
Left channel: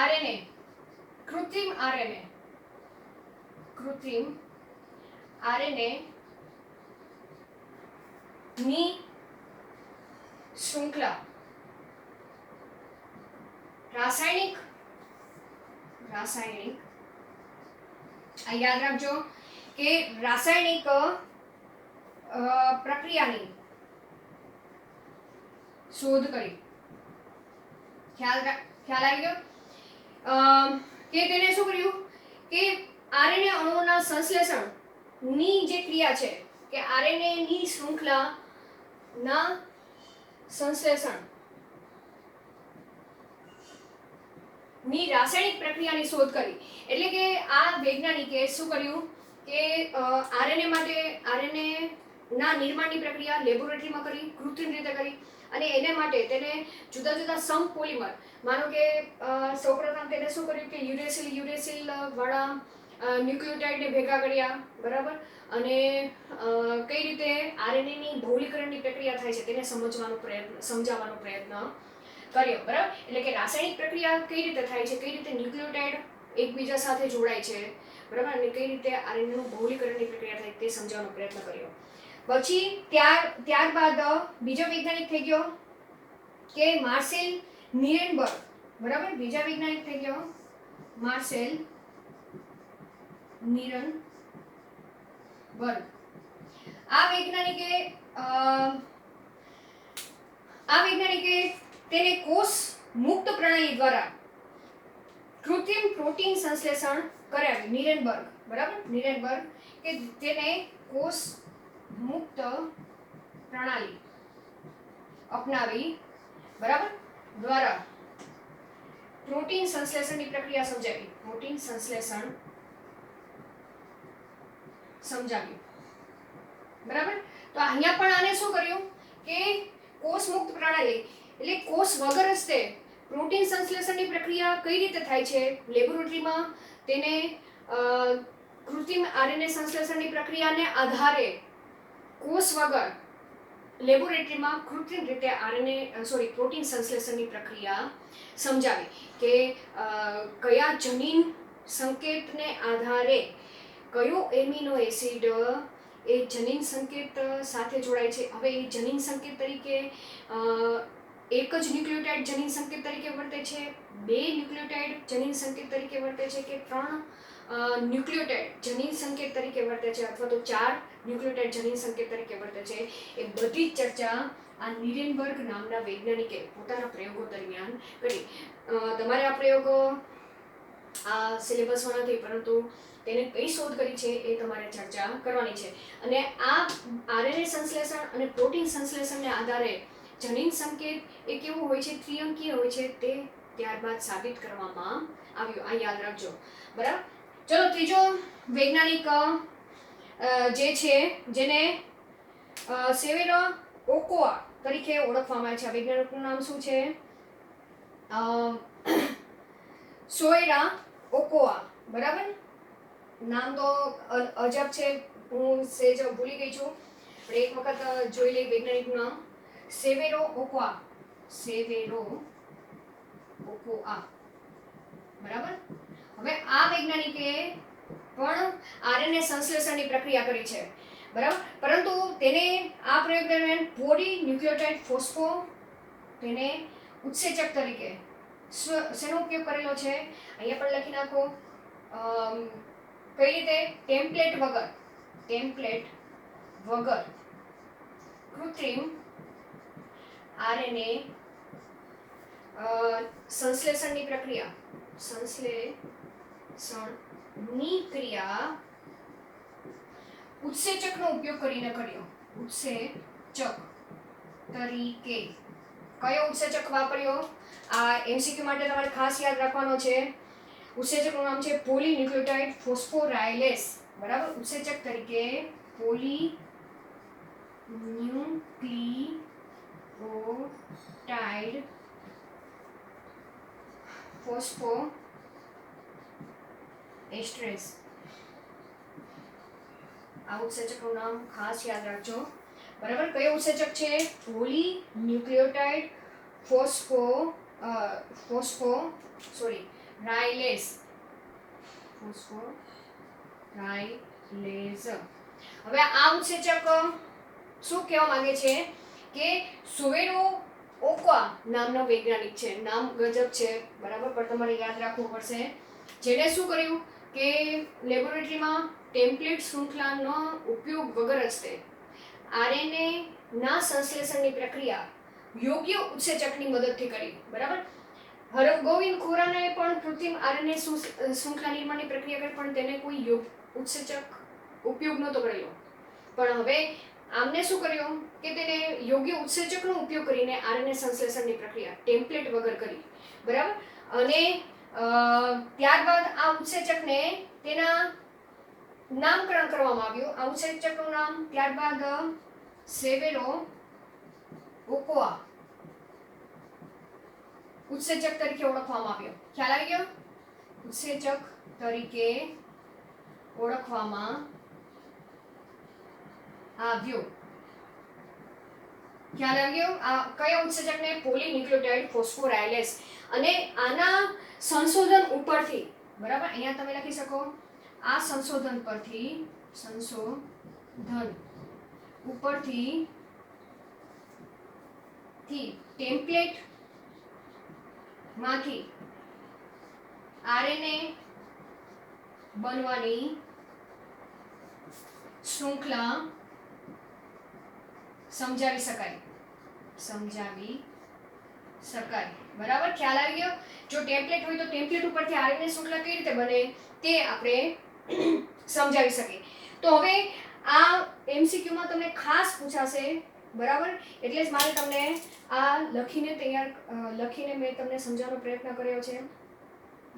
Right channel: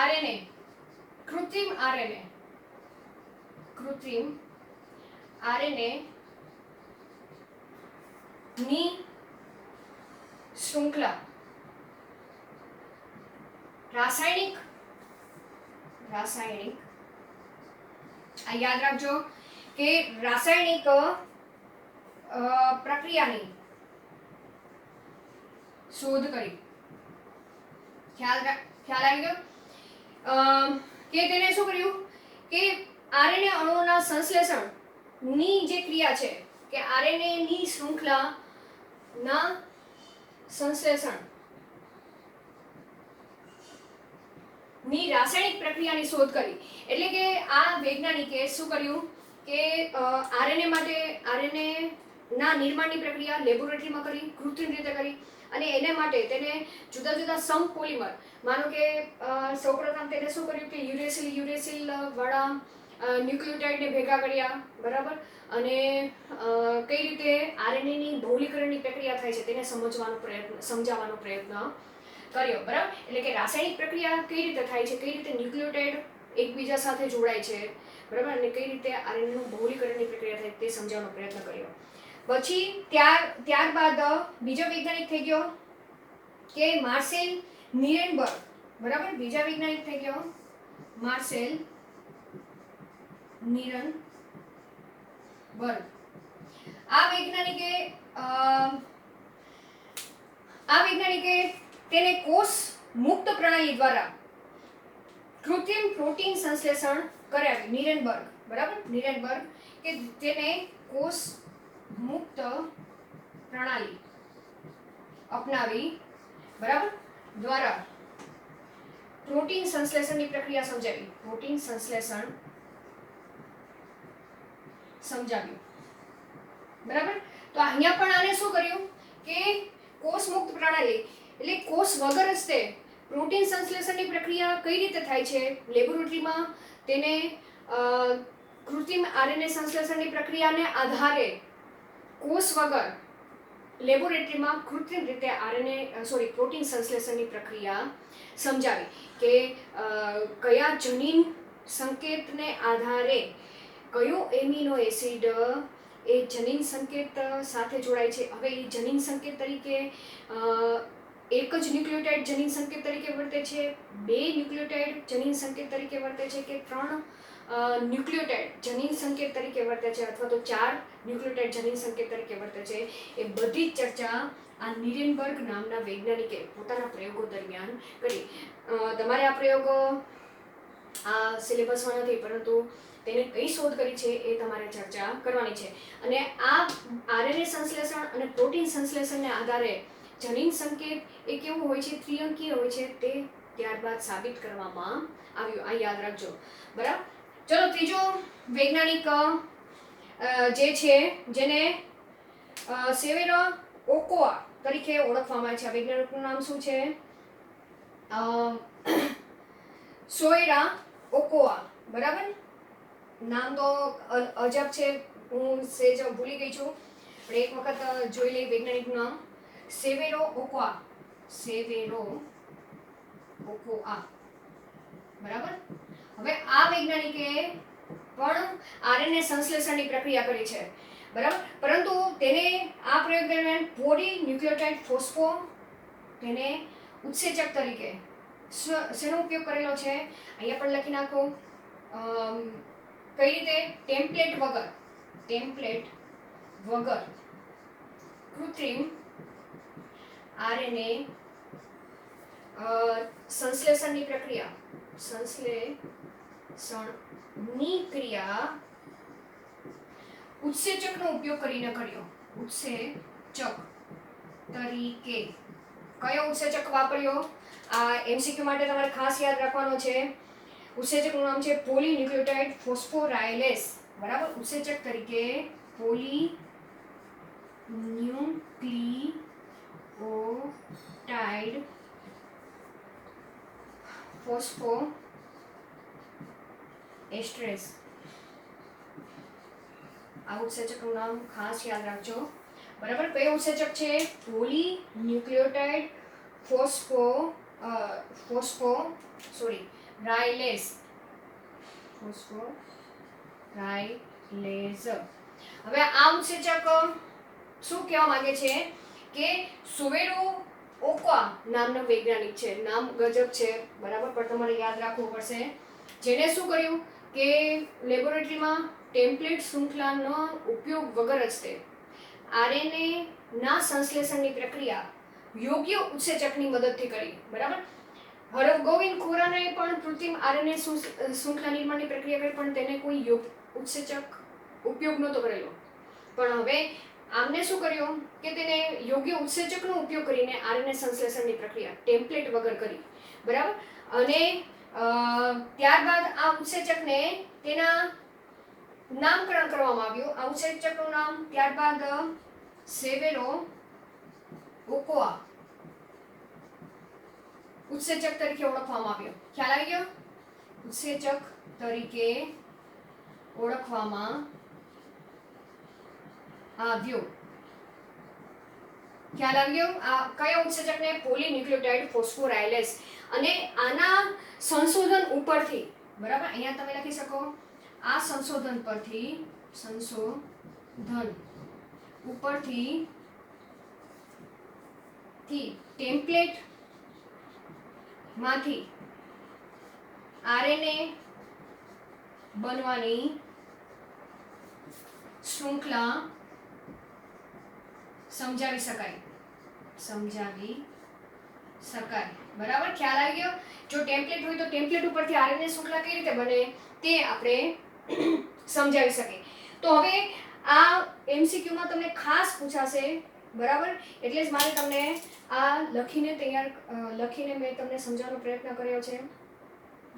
આરએનએ, કૃત્રિમ આરએનએ ની શૃંખલા રાસાયણિક આ યાદ રાખજો કે રાસાયણિક પ્રક્રિયાની શોધ કરી. ખ્યાલ આવી ગયો? કે તેને શું કર્યું કે આરએનએ અણુઓના સંશ્લેષણ ની જે ક્રિયા છે કે આરએનએ ની શૃંખલા ના સંશ્લેષણ ની રાસાયણિક પ્રક્રિયાની શોધ કરી. એટલે કે આ વૈજ્ઞાનિકે શું કર્યું કે આરએનએ માટે આરએનએ ના નિર્માણની પ્રક્રિયા લેબોરેટરીમાં કરી, કૃત્રિમ રીતે કરી, અને એને માટે તેને જુદા જુદા સમ પોલિમર, માનો કે સૌપ્રથમ તેને શું કર્યું કે યુરેસિલ વાળા ન્યુક્લિયોટાઇડને ભેગા કર્યા, બરાબર, અને કઈ રીતે આરએનએ ની બહુલીકરણની પ્રક્રિયા થાય છે તેને સમજવાનો પ્રયત્ન કર્યો, બરાબર. એટલે કે રાસાયણિક પ્રક્રિયા કઈ રીતે થાય છે, કઈ રીતે ન્યુક્લિયોટાઇડ એકબીજા સાથે જોડાય છે, બરાબર, અને કઈ રીતે આરએનએ નું બહુલીકરણની પ્રક્રિયા થાય તે સમજાવવાનો પ્રયત્ન કર્યો. પછી ત્યારબાદ બીજો વૈજ્ઞાનિક થઈ ગયો કે માર્સેલ નિરેનબર્ગ, બરાબર. બીજા વૈજ્ઞાનિક થઈ ગયો માર્સેલ નિરેનબર્ગ. આ વૈજ્ઞાનિકે તેને કોષ મુક્ત પ્રણાલી દ્વારા કૃત્રિમ પ્રોટીન સંશ્લેષણ કરાવ્યું. નિરેનબર્ગ, બરાબર, નિરેનબર્ગ કે તેને કોષ મુક્ત પ્રણાલી અપનાવી, બરાબર, દ્વારા પ્રોટીન સંશ્લેષણની પ્રક્રિયા સમજાવી. પ્રોટીન સંશ્લેષણ સમજાવ્યું, બરાબર. તો અહીંયા પણ આને શું કર્યું કે કોષ મુક્ત પ્રણાલી એટલે કોષ વગર જ તે પ્રોટીન સંશ્લેષણની પ્રક્રિયા કઈ રીતે થાય છે લેબોરેટરીમાં, તેને કૃત્રિમ આરએનએ સંશ્લેષણની પ્રક્રિયાને આધારે કોષ વગર લેબોરેટરીમાં કૃત્રિમ રીતે પ્રોટીન સંશ્લેષણની પ્રક્રિયા સમજાવી કે કયા જનીન સંકેતને આધારે કયો એમિનો એસિડ એ જનીન સંકેત સાથે જોડાય છે. હવે એ જનીન સંકેત તરીકે એક જ ન્યુક્લિયોટાઇડ જનીન સંકેત તરીકે વર્તે છે, 2 ન્યુક્લિયોટાઇડ જનીન સંકેત તરીકે વર્તે છે, કે 3 ન્યુક્લિયોટાઇડ જનીન સંકેત તરીકે વર્તે છે, અથવા તો 4 ન્યુક્લિયોટાઇડ જનીન સંકેત તરીકે વર્તે છે. એ બધી જ ચર્ચા આ નિરેનબર્ગ નામના વૈજ્ઞાનિકે પોતાના પ્રયોગો દરમિયાન કરી. તમારે આ પ્રયોગો આ સિલેબસમાં નથી, પરંતુ તેને કઈ શોધ કરી છે એ તમારે ચર્ચા કરવાની છે. અને આ આરએનએ સંશ્લેષણ અને પ્રોટીન સંશ્લેષણને આધારે જનીન સંકેત એ કેવું હોય છે, ત્રિઅંકીય હોય છે, તે ત્યારબાદ સાબિત કરવામાં આવ્યું. આ યાદ રાખજો, બરાબર. ચલો, ત્રીજો વૈજ્ઞાનિક જે છે જેને સેવેરા ઓકોઆ તરીકે ઓળખવામાં આવે છે. આ વૈજ્ઞાનિકનું નામ શું છે? સોએરા ઓકોઆ, બરાબર. નામ તો અજબ છે, હું સેજ ભૂલી ગઈ છું, પણ એક વખત જોઈ લઈ વૈજ્ઞાનિકનું નામ. સેવેરો ઓકોઆ, બરાબર. હવે આ વૈજ્ઞાનિકે પણ આરએનએ સંશ્લેષણની પ્રક્રિયા કરી છે, બરાબર, પરંતુ તેને આ પ્રયોગ દરમિયાન પોલી ન્યુક્લિયોટાઇડ ફોસ્ફો તેને ઉત્સેચક તરીકે શેનો ઉપયોગ કરેલો છે અહીંયા પણ લખી નાખો. કઈ રીતે? ટેમ્પલેટ વગર કૃત્રિમ આરએનએ સંશ્લેષણની ક્રિયા ઉત્સેચકનો ઉપયોગ કરીને કર્યો. ઉત્સેચક તરીકે કયો ઉત્સેચક વાપર્યો? આ એમસીક્યુ માટે તમારે ખાસ યાદ રાખવાનો છે. ઉત્સેચકનું નામ છે પોલીન્યુક્લિયોટાઇડ ફોસ્ફોરાયલેસ, બરાબર. ઉત્સેચક તરીકે પોલીન્યુક્લિયોટાઇડ ફોસ્ફોએસ્ટ્રેસ, આ ઉત્સેચકનું નામ ખાસ યાદ રાખજો, બરાબર. કયો ઉત્સેચક છે? પોલીન્યુક્લિયોટાઇડ રાયલેસ. હવે આ ઉત્સેચક શું કહેવા માંગે છે કે સોવેરો ઓકોઆ નામનો વૈજ્ઞાનિક છે, નામ ગજબ છે, બરાબર, પણ તમારે યાદ રાખવું પડશે. જેને શું કર્યું કે લેબોરેટરીમાં ટેમ્પલેટ શૃંખલાનો ઉપયોગ વગર જ તે આરએનએ ના સંશ્લેષણની પ્રક્રિયા યોગ્ય ઉત્સેચકની મદદથી કરી, બરાબર. હરગોવિંદ ખુરાનાએ પણ કૃત્રિમ આરએનએ શૃંખલા નિર્માણની પ્રક્રિયા કરી, પણ તેને કોઈ ઉત્સેચક ઉપયોગ નહોતો કરેલો. પણ હવે આમને શું કર્યું કે તેને યોગ્ય ઉત્સેચકનો ઉપયોગ કરીને આરએનએ સંશ્લેષણની પ્રક્રિયા ટેમ્પલેટ વગર કરી, બરાબર. અને ત્યારબાદ આ ઉત્સેચકને તેના નામકરણ કરવામાં આવ્યું. આ ઉત્સેચકનું નામ ત્યારબાદ સેવેરો ઓકોઆ ઉત્સેચક તરીકે ઓળખવામાં આવ્યો. ખ્યાલ આવી ગયો? ઉત્સેચક તરીકે ઓળખવામાં આવ્યો. ખ્યાલ આવી ગયો? આ કયા ઉત્સેચકને? પોલીન્યુક્લિયોટાઇડ ફોસ્ફોરાયલેસ. અને આના સંશોધન ઉપરથી, બરાબર, અહીંયા તમે લખી શકો, આ સંશોધન ઉપરથી ટેમ્પલેટ માંથી આરએનએ બનવાની શૃંખલા સમજાવી શકાય. બરાબર, ખ્યાલ આવી ગયો? જો ટેમ્પલેટ હોય તો ટેમ્પલેટ ઉપરથી આરએનએ શૃંખલા કઈ રીતે બને તે આપણે સમજાવી શકીએ. તો હવે આ એમસીક્યુમાં તમને ખાસ પૂછાશે, બરાબર, એટલે જ મારે તમને આ લખીને મેં તમને સમજાવવાનો પ્રયત્ન કર્યો છે,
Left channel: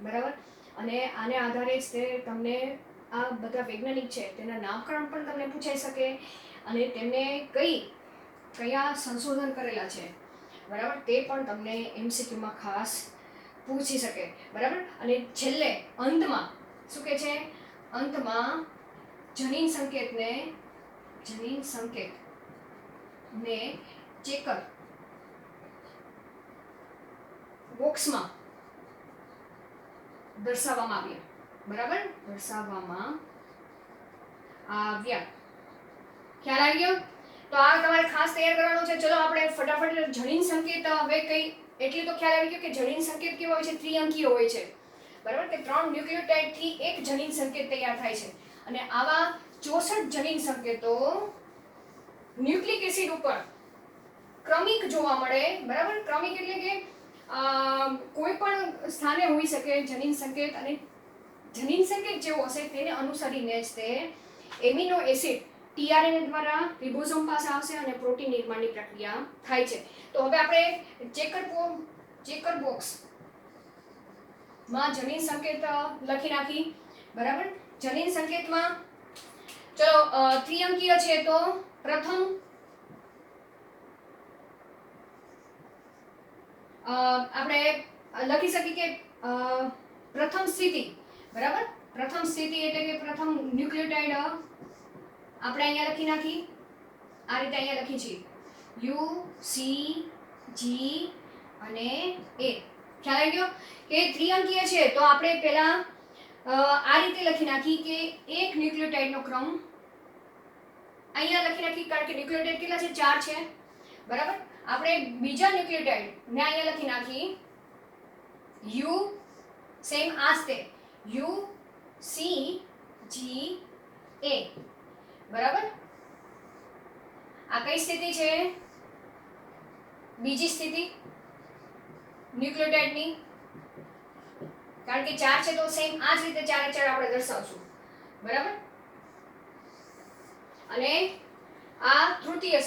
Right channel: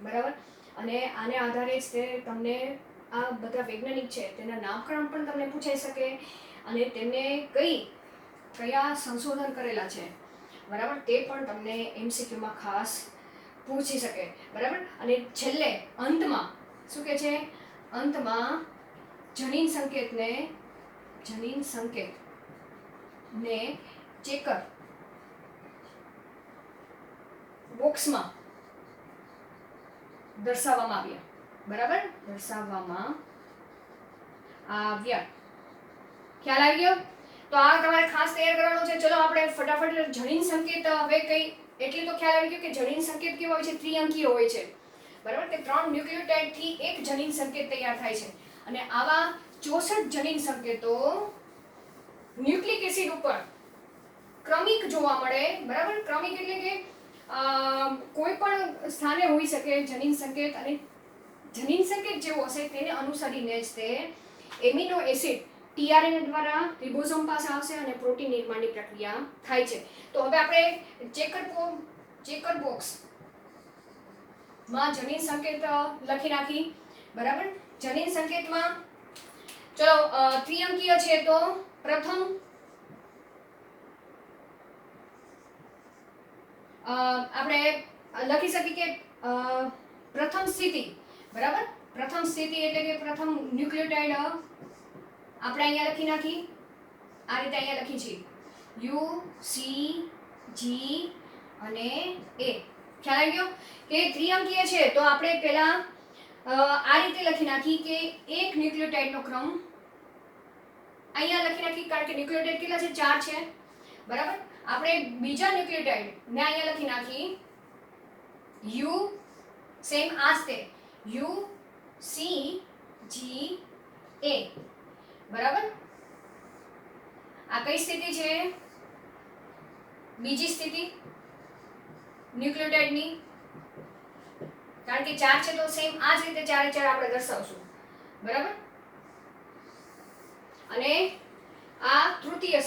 બરાબર. અને આને આધારે જ તે તમને આ બધા વૈજ્ઞાનિક છે તેના નામકરણ પણ તમને પૂછાઈ શકે અને તેમને કયા સંશોધન કરેલા છે, બરાબર, તે પણ તમને એમસીક્યુમાં ખાસ પૂછી શકે, બરાબર. અને છેલ્લે અંતમાં શું કહે છે? અંતમાં જનીન સંકેતને ચેકર બોક્સમાં દર્શાવવામાં આવ્યા, બરાબર, ખ્યાલ આવી ગયો? તો આ તમારે ખાસ તૈયાર કરવાનું છે. ચલો આપણે ફટાફટ જનીન સંકેત હવે એટલી તો ખ્યાલ આવી ગયો કે જનીન સંકેત કેવા હોય છે? ત્રિઅંકીય હોય છે, બરાબર, કે 3 ન્યુક્લિયોટાઇડ થી એક જનીન સંકેત તૈયાર થાય છે. અને આવા 64 જનીન સંકેતો ન્યુક્લિક એસિડ ઉપર ક્રમિક જોવા મળે, બરાબર. ક્રમિક એટલે કે કોઈ પણ સ્થાને હોઈ શકે જનીન સંકેત, અને જનીન સંકેત જેવો હશે તેને અનુસરીને જ તે એમિનો એસિડ ટીઆરએનએ દ્વારા રિબોઝોમ પાસે આવશે અને પ્રોટીન નિર્માણની પ્રક્રિયા થાય છે. તો હવે આપણે ચેકર બોક્સ માં જનીન સંકેત લખી નાખી, બરાબર. જનીન સંકેતમાં ચલો ત્રિઅંકીય છે તો પ્રથમ આપણે લખી શકીએ કે પ્રથમ સ્થિતિ, બરાબર. પ્રથમ સ્થિતિ એટલે કે પ્રથમ ન્યુક્લિયોટાઇડ આપણે અહીંયા લખી નાખી, આ રીતે અહીંયા લખી છે યુ સી જી અને એ. ખ્યાલ આવી ગયો કે ત્રિઅંકીય છે તો આપણે પહેલા આ રીતે લખી નાખી કે એક ન્યુક્લિયોટાઇડનો ક્રમ અહીંયા લખી નાખી, કારણ કે ન્યુક્લિયોટાઇડ કેટલા છે? 4 છે, બરાબર. આપણે બીજા ન્યુક્લિયોટાઇડ ને અહીંયા લખી નાખી યુ, સેમ આ જ તે યુ સી જી એ, બરાબર. આ કઈ સ્થિતિ છે? બીજી સ્થિતિ ન્યુક્લિયોટાઇડની, કારણ કે 4 છે તો સેમ આ જ રીતે 4 એ 4 આપણે દર્શાવશું, બરાબર. અને આ તૃતીય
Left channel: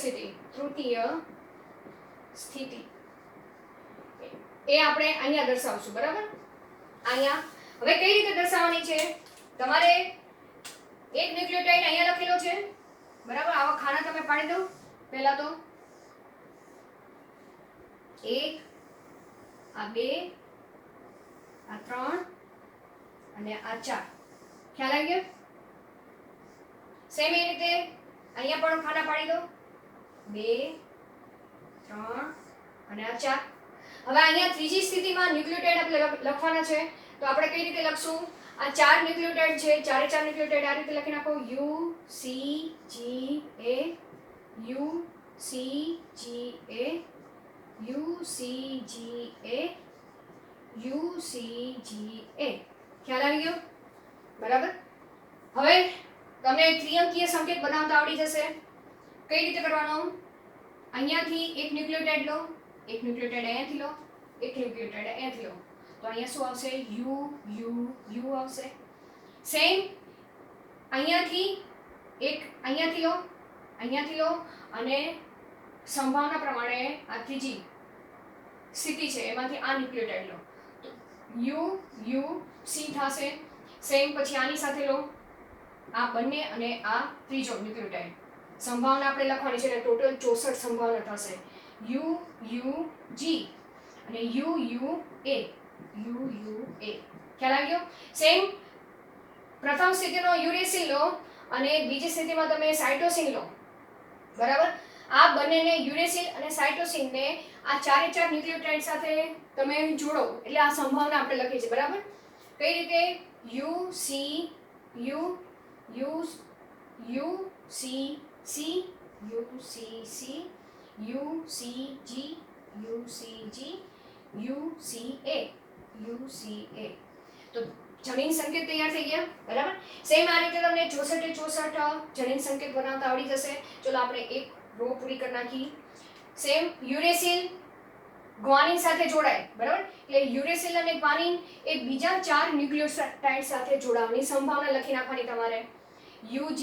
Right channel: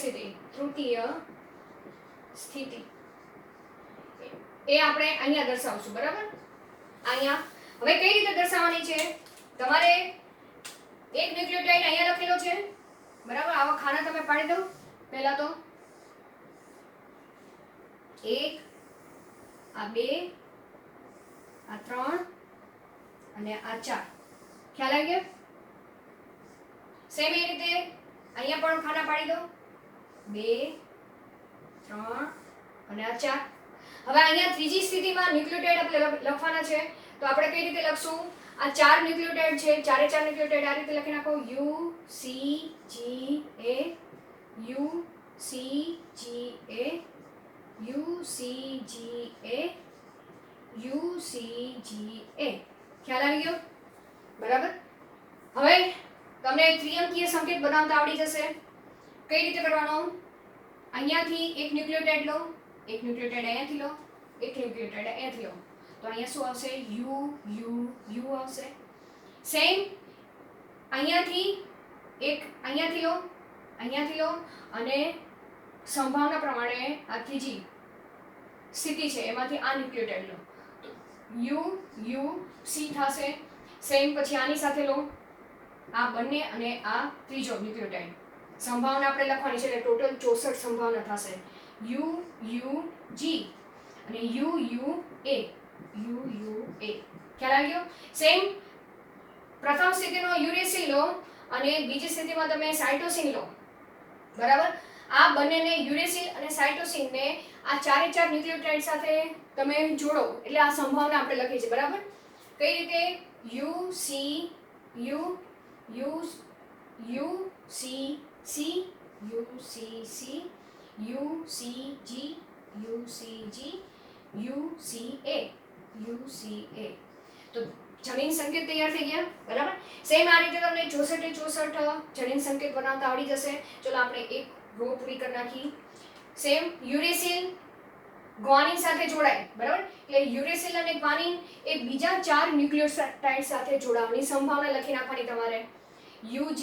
સ્થિતિ એ આપણે અહીંયા દર્શાવશું, બરાબર. અહીંયા હવે કઈ રીતે દર્શાવવાની છે? તમારે એક ન્યુક્લિયોટાઇડ અહીંયા લખેલો છે, બરાબર. આવા ખાના તમે પાડી દો. પહેલા તો 1, આ 2, આ 3 અને આ 4. ખ્યાલ આવી ગયો? સેમ એ રીતે અહીંયા પણ ખાના પાડી દો. 2, 3 અને આ 4. હવે અહીંયા ત્રીજી સ્થિતિમાં ન્યુક્લિયોટાઇડ આપણે લખવાના છે, તો આપણે કઈ રીતે લખશું? આ 4 ન્યુક્લિયોટાઇડ છે, 4 ન્યુક્લિયોટાઇડ આ રીતે લખી નાખો U C G A, U C G A, U C G A, U C G A. ખ્યાલ આવી ગયો? બરાબર. હવે તમને ત્રિઅંકીય સંકેત બનાવતા આવડી જશે. કઈ રીતે કરવાનો? અહીંયાથી એક ન્યુક્લિયોટાઇડ લો, એક ન્યુક્લિયોટાઇડ અહીંયાથી લો, એક ન્યુક્લિયોટાઇડ અહીંયાથી લો, તો અહીંયા શું આવશે? યુ યુ યુ આવશે. સેમ અહીંયાથી એક અહીંયાથી લો અને સંભાવના પ્રમાણે આ ત્રીજી સ્થિતિ છે એમાંથી આ ન્યુક્લિયોટાઇડ લો. UUC થશે. સેમ પછી આની સાથે લો આ બંને અને આ ત્રીજો ન્યુક્લિયોટાઇડ. સંભાવના આપણે લખવાની છે એટલે ટોટલ 64 સંભાવના થશે. UUG અને UUA. ખ્યાલ આવી ગયો? સેમ પ્રથમ સ્થિતિનો યુરેસિલ લો અને બીજી સ્થિતિમાં તમે સાઇટોસિન લો. બરાબર? આ બંનેને યુરેસિલ અને સાઇટોસિનને આ ચારે ચાર ન્યુક્લિયોટાઇડ સાથે તમે જોડો એટલે આ સંભાવના આપણે લખી છે. બરાબર? કઈ રીતે? UCA. તો જનીન સંકેત તૈયાર થઈ ગયા. બરાબર? સેમ આ રીતે તમને 64 જનીન સંકેત બનાવતા આવડી જશે. ચલો આપણે એક રો પૂરી કરી નાખી. સેમ યુરેસિલ ગ્વાનિન સાથે જોડાય. બરાબર? એટલે યુરેસિલ અને ગ્વાનિન એ બીજા ચાર ન્યુક્લિયોટાઇડ સાથે જોડાવાની સંભાવના લખી નાખવાની તમારે. UG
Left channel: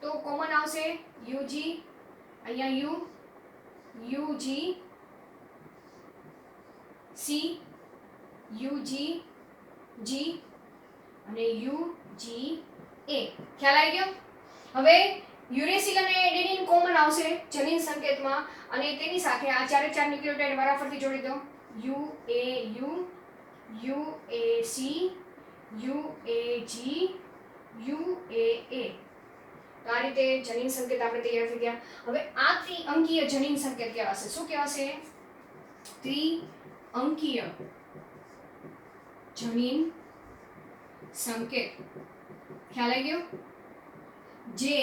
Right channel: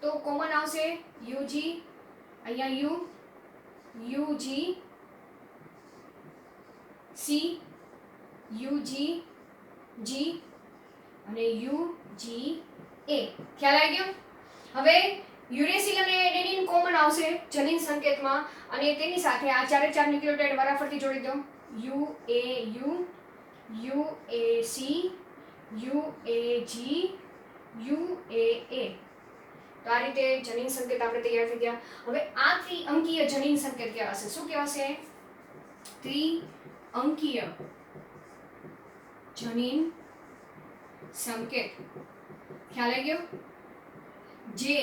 તો કોમન આવશે. UG અહીંયા UG C UG G અને UGA. ખ્યાલ આવી ગયો? હવે યુરેસિલ અને એડેનિન કોમન આવશે જનીન સંકેતમાં અને તેની સાથે આ ચારે ચાર ન્યુક્લિયોટાઇડ વારાફરતી જોડી દો. UAU UAC UAG UAA. તો આ રીતે જનીન સંકેત આપણે તૈયાર થઈ ગયા. હવે આ ત્રિઅંકીય જનીન સંકેત કહેવાશે. શું કહેવાશે? ત્રિઅંકીય જનીન સંકેત. ખ્યાલ આવી ગયો? જે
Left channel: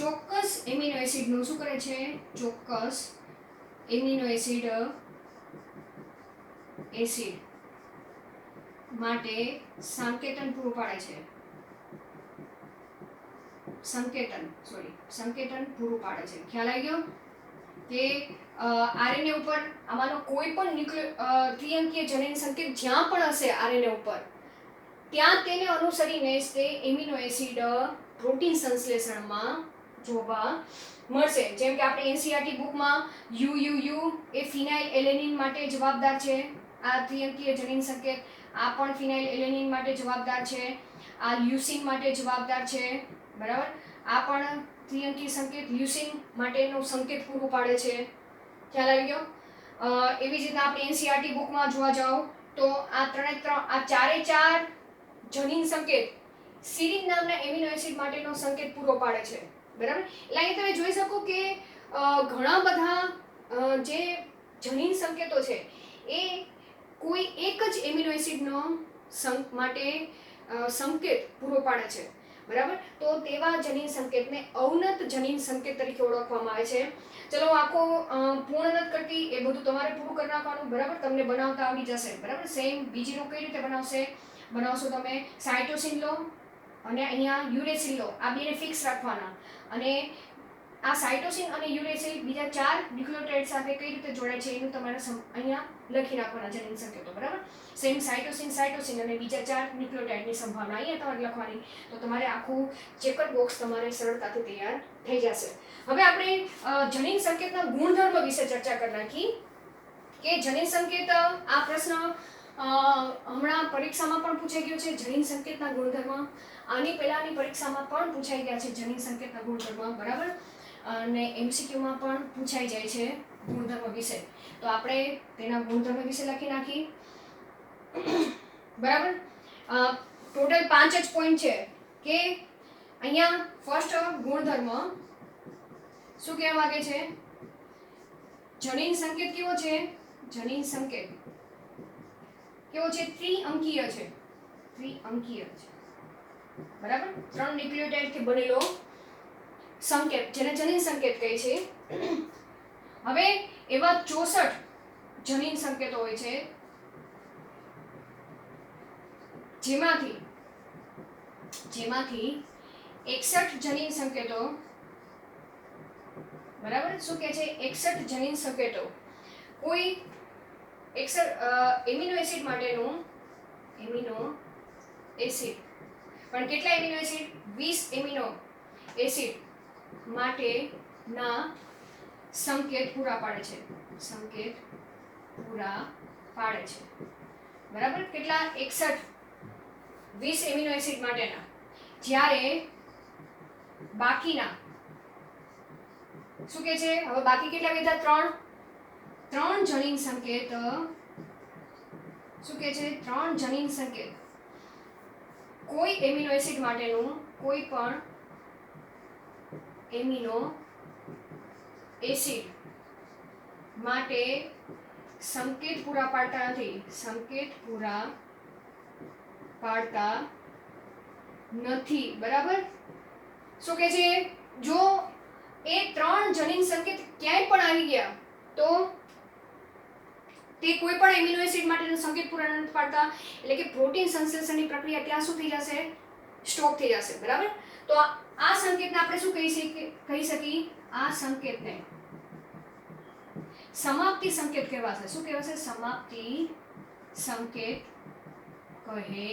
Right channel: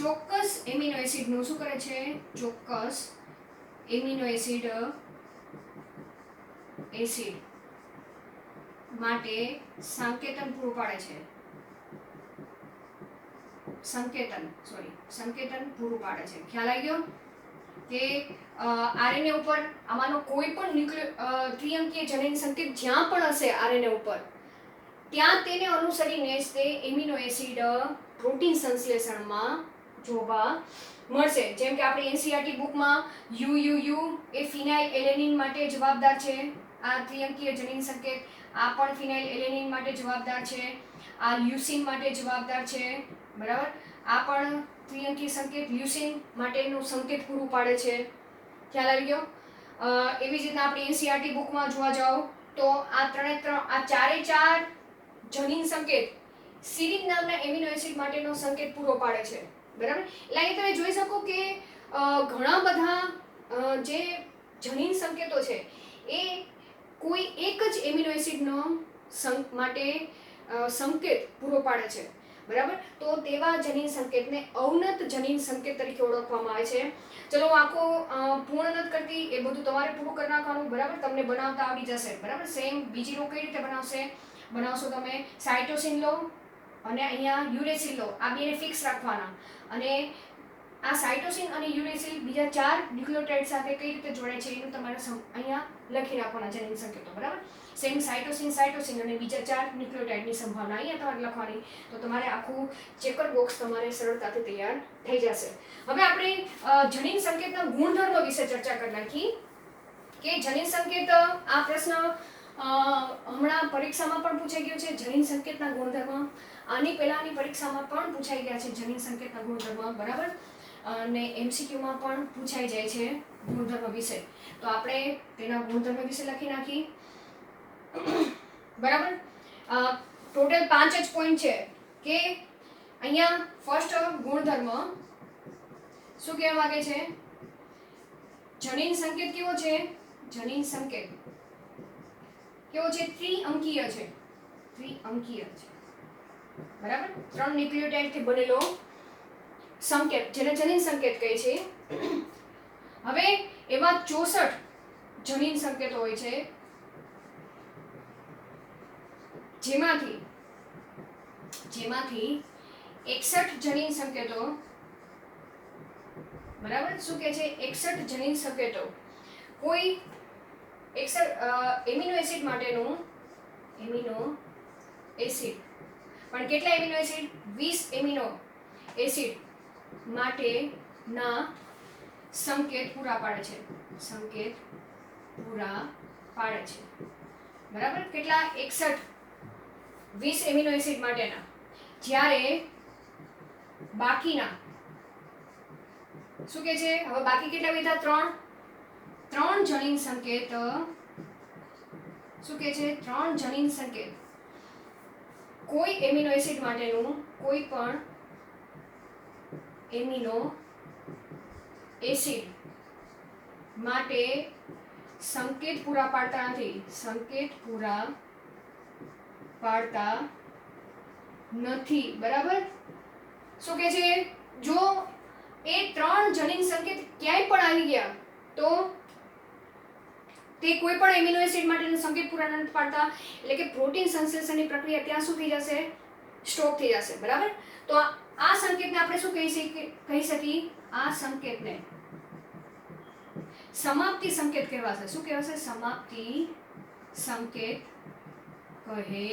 ચોક્કસ એમિનો એસિડનું શું કરે છે? ચોક્કસ એમિનો એસિડ માટે સંકેતન પૂરું પાડે છે. સંકેતન પૂરું પાડે છે. ખ્યાલ આવી ગયો? કે આરએનએ ઉપર આમાંનો કોઈ પણ ત્રિઅંકીય જનીન સંકેત જ્યાં પણ હશે આરએનએ ઉપર ત્યાં તેને અનુસરીને જ તે એમિનો એસિડ પ્રોટીન સંશ્લેષણમાં જોવા મળશે. જેમ કે આપણે એનસીઈઆરટી બુકમાં UUU એ ફિનાઇલ એલેનિન માટે જવાબદાર છે. આ ત્રિઅંકીય જનીન સંકેત આ પણ ફિનાઇલ એલેનિન માટે જવાબદાર છે. આ લ્યુસીન માટે જવાબદાર છે. બરાબર? આ પણ ત્રિઅંકીય સંકેત લ્યુસીન માટેનું સંકેત પૂરું પાડે છે. ખ્યાલ આવી ગયો? એવી જ રીતના આપણે એનસીઈઆરટી બુકમાં જોવા જાઓ તો આ ચારે ચાર જનીન સંકેત સિરીન નામના એમિનો એસિડ માટેનો સંકેત પૂરો પાડે છે. બરાબર? એટલે અહીં તમે જોઈ શકો કે ઘણા બધા જે જનીન સંકેતો છે એ કોઈ એક જ એમિનો એસિડનો માટે સંકેત પૂરો પાડે છે. બરાબર? તો તેવા જનીન સંકેતને અવનત જનીન સંકેત તરીકે ઓળખવામાં આવે છે. ચલો આખો પૂર્ણ નથી કરતી એ બધું તમારે પૂરું કરી નાખવાનું. બરાબર? તમને બનાવતા આવડી જશે. બરાબર? સેમ બીજી રો કઈ રીતે બનાવશો તમે? સાઇટોસિન લો અને અહીંયા યુરેસિલ લો. આ બેને ફિક્સ રાખવાના અને આ સાઇટોસિન અને યુરેસિલ બીજા ચાર ન્યુક્લિયોટાઇડ સાથે કઈ રીતે જોડાય છે એનું તમારે અહીંયા લખી નાખવાના જનીન સંકેતો. બરાબર? સેમ સાઇટોસિન અને બીજા ચાર ન્યુક્લિયોટાઇડની સંભાવના અહીંયા તમારે લખવાની. તો તમારે આખું ચેકર બોક્સ તમારે સરળતાથી તૈયાર થઈ જશે. હવે આપણે જનીન સંકેતના ગુણધર્મો વિશે ચર્ચા કરી નાખી કે જનીન સંકેત આ પ્રશ્ન હમણાં પરીક્ષામાં પણ પૂછાઈ ગયો છે. જનીન સંકેતના ગુણધર્મ આની પહેલાની પરીક્ષામાં પણ પૂછાઈ ગયા છે જનીન સંકેતના ગુણધર્મ. બરાબર? અને MCQમાં પણ પૂછાઈ જાય છે ગુણધર્મ વિશે. તો આપણે તેના ગુણધર્મ વિશે લખી નાખી. બરાબર? ટોટલ 5 જ પોઈન્ટ છે કે અહીંયા ફર્સ્ટ ગુણધર્મ શું કહેવા માંગે છે? જનીન સંકેત કેવો છે? જનીન સંકેત કેવો છે? ત્રિઅંકીય છે. બરાબર? 3 ન્યુક્લિયોટાઇડથી બનેલો સંકેત જેને જનીન સંકેત કહે છે. હવે એવા 64 જનીન સંકેતો હોય છે જેમાંથી 61 જનીન સંકેતો. બરાબર? શું કહે છે? 61 જનીન સંકેતો કોઈ એમિનો એસિડ માટેનું એમિનો એસિડ પણ કેટલા એમિનો એસિડ? 20 એમિનો એસિડ માટેના સંકેત પૂરા પાડે છે. બરાબર, કેટલા 61 20 એમિનો એસિડ માટેના, જ્યારે બાકીના શું કે છે, હવે બાકી કેટલા વધ્યા? 3 જનીન સંકેત. શું કે છે? 3 જનીન સંકેત કોઈ એમિનો એસિડ માટેનું કોઈ પણ એમિનો એસિડ માટે સંકેત પૂરા પાડતા નથી. સંકેત પૂરા પાડતા નથી. બરાબર. શું કે છે? જો એ 3 જનીન સંકેત ક્યાંય પણ આવી ગયા તો તે કોઈ પણ એમિનો એસિડ માટેનો સંકેત પૂરા નથી પાડતા, એટલે કે પ્રોટીન સંશ્લેષણની પ્રક્રિયા ત્યાં શું થઈ જશે? સ્ટોપ થઈ જશે. બરાબર. તો આ સંકેતને આપણે શું કહી શકીએ? આ સંકેતને સમાપ્તિ સંકેત કહેવાશે. શું કહેવાશે? સમાપ્તિ સંકેત કહે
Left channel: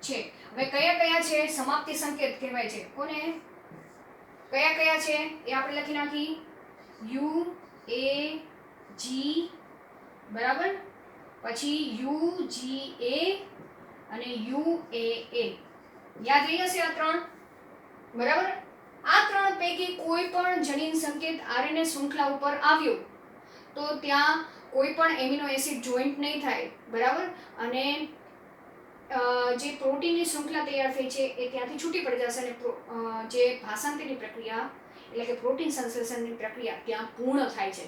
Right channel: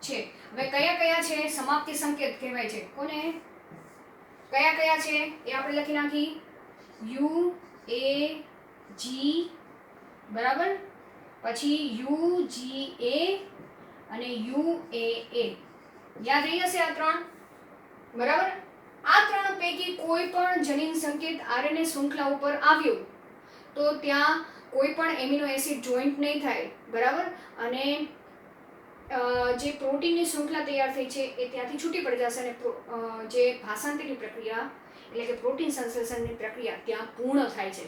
છે. હવે કયા કયા છે સમાપ્તિ સંકેત કહેવાય છે? કોને કયા કયા છે એ આપણે લખી નાખી. UAG, બરાબર, પછી UGA અને UAA. યાદ રહી જશે આ 3. બરાબર. આ 3 પૈકી કોઈ પણ જનીન સંકેત આરએનએ શૃંખલા ઉપર આવ્યો તો ત્યાં કોઈ પણ એમિનો એસિડ જોઈન્ટ નહીં થાય. બરાબર. અને જે પ્રોટીનની શૃંખલા તૈયાર થઈ છે એ ત્યાંથી છૂટી પડી જશે અને જે ભાષાંતરની પ્રક્રિયા એટલે કે પ્રોટીન સંશ્લેષણની પ્રક્રિયા ત્યાં પૂર્ણ થાય છે.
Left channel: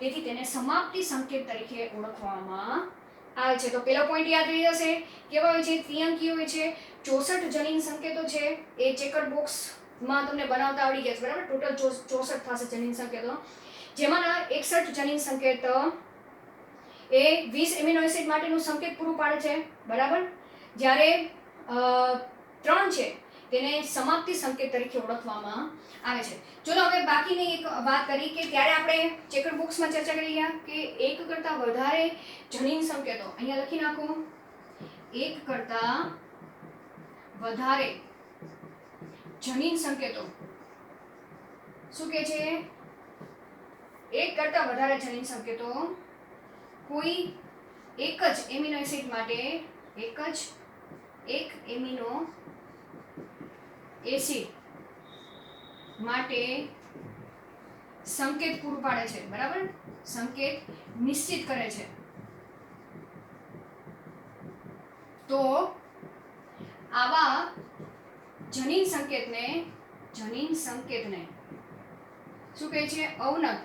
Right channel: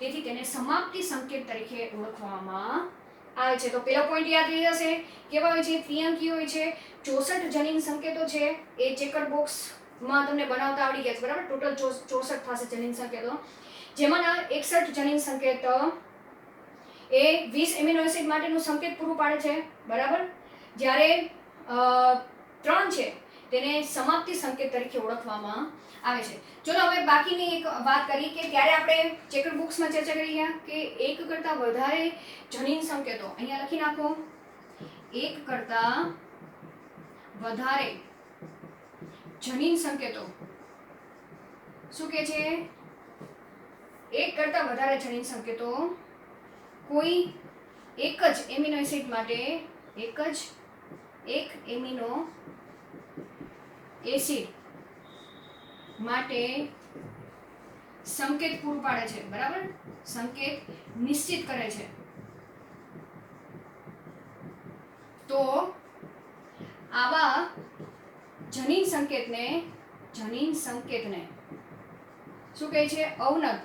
તેથી તેને સમાપ્તિ સંકેત તરીકે ઓળખવામાં આવે છે. તો પેલો પોઈન્ટ યાદ રહી જશે. કેવા હોય છે? ત્રિઅંકીય હોય છે. 64 જનીન સંકેતો છે. એ ચેકર્ડ બોક્સમાં તમને બનાવતા આવડી ગયા છે. બરાબર. ટોટલ 64 થશે જનીન સંકેતો, જેમાંના 61 જનીન સંકેત એ 20 એમિનો એસિડ માટેનું સંકેત પૂરું પાડે છે. બરાબર. જ્યારે 3 છે તેને સમાપ્તિ સંકેત તરીકે ઓળખવામાં આવે છે. ચલો હવે બાકીની એક વાત કરી કે ત્યારે આપણે ચેકર બોક્સમાં ચર્ચા કરી ગયા કે એક કરતાં વધારે જનીન સંકેતો, અહીંયા લખી નાખો, એક કરતાં વધારે જનીન સંકેતો શું કે છે? એક કરતાં વધારે જનીન સંકેતો કોઈ એક જ એમિનો એસિડ માટે એક એમિનો એસિડ માટે સંકેત પૂરું પાડે છે. બરાબર. સંકેત નિશ્ચિત કરે છે. તો આવા જનીન સંકેતને શું કહે છે? અવનત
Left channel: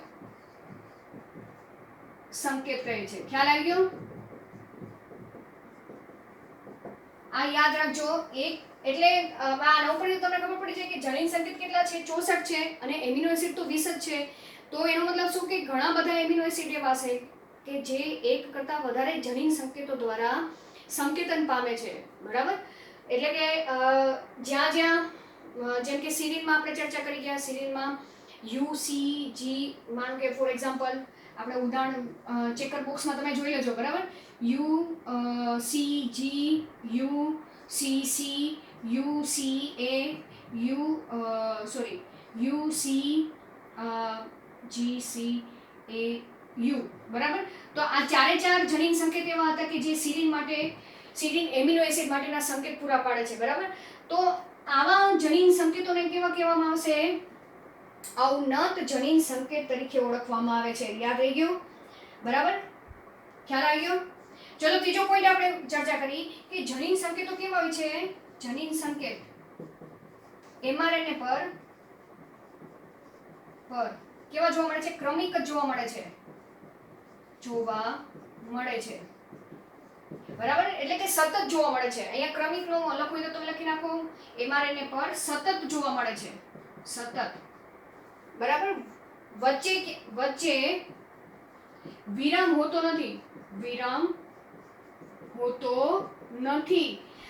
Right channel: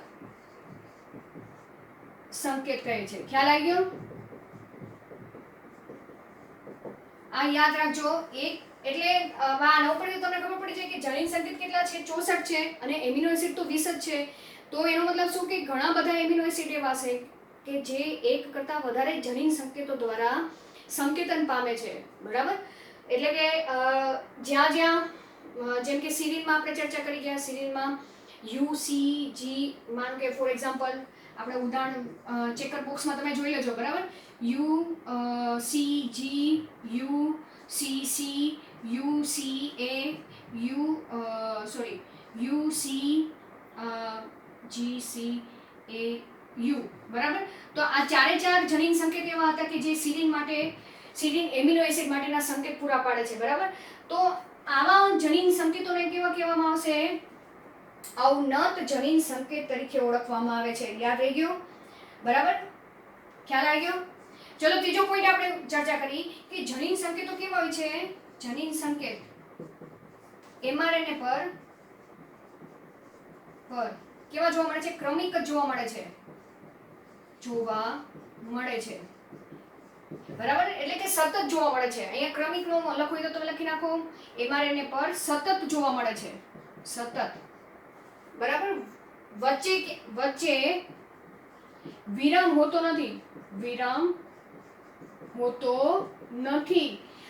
સંકેત કહે છે. ખ્યાલ આવી ગયો? આ યાદ રાખજો. એક એટલે આ નોકરી તમને ખબર પડી છે કે જનીન સંકેત કેટલા છે? 64 છે અને એમિનો એસિડ તો 20 જ છે. તો એનો મતલબ શું કે ઘણા બધા એમિનો એસિડ એવા છે કે જે એક કરતાં વધારે જનીન સંકેતો દ્વારા સંકેતન પામે છે. બરાબર. એટલે કે જ્યાં જેમ કે સિરીનમાં આપણે ચર્ચા કરી ગયા, સિરીનમાં UCG, માનો કે ફોર એક્ઝામ્પલ આપણે ઉદાહરણ ચેકર બોક્સમાં તમે જોઈ લેજો. બરાબર. UCG, UCC, UCA, UCGCAU. બરાબર. તો આ ચારે ચાર જનીન સંકેત એવા હતા કે જે સિરીન એમિનો એસિડ માટેના સંકેત પૂરા પાડે છે. બરાબર. તો આવા જનીન સંકેતોને કેવા કહેવામાં આવશે? અવનત જનીન સંકેત તરીકે ઓળખવામાં આવે છે. યાદ રહી ગયું? બરાબર. ખ્યાલ આવી ગયો? ચલો ત્રીજો પોઈન્ટ આપણે ચર્ચા કરી કે જનીન સંકેતો કેવા હોય છે? જનીન સંકેત mRNA પર કેવા જોવા મળે છે? ક્રમિક જ જોવા મળે છે. બરાબર. એટલે કે સતત જોવા મળે છે. અહીંયા ક્રમિક નો લખવું હોય તો તમે લખી નાખો, mRNA પર સતત જોવા મળે છે. સતત. બરાબર. વચ્ચે વિરામ હોતો નથી.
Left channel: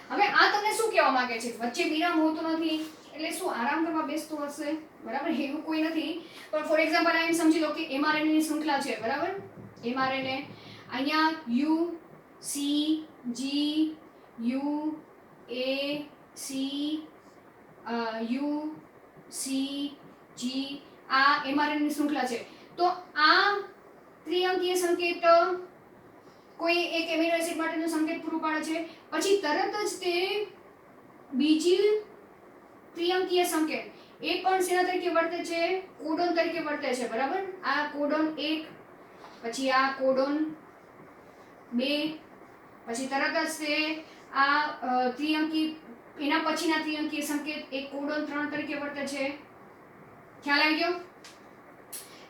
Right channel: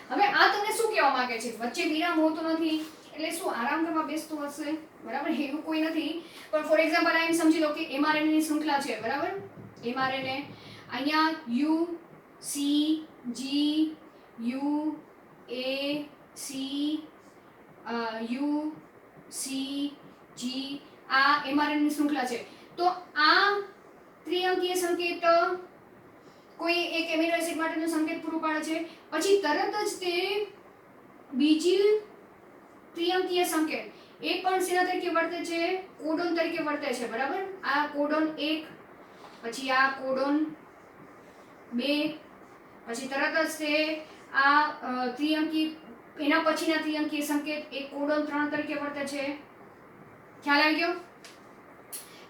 હવે આ તમને શું કહેવા માંગે છે? વચ્ચે વિરામ હોતો નથી એટલે શું? આરામ કરવા બેસતું હશે. બરાબર. એવું કોઈ નથી. પણ ફોર એક્ઝામ્પલ એમ સમજી લો કે mRNA ની શૃંખલા છે. બરાબર. mRNA અહીંયા UCG, UCG આ mRNA ની શૃંખલા છે. તો આ ત્રિઅંકીય સંકેત કોઈ એક એમિનો એસિડ માટેનું સંકેત પૂરું પાડે છે, પછી તરત જ તે બીજી ત્રિઅંકીય સંકેત એ પણ શેના તરીકે વર્તે છે? કોડોન તરીકે વર્તે છે, બરાબર. આ કોડોન 1, પછી આ કોડોન 2, પછી તરત જ તે આ ત્રિઅંકી એના પછીના ત્રિઅંકીય સંકેત એ કોડોન 3 તરીકે વર્તે છે. ખ્યાલ આવી ગયો?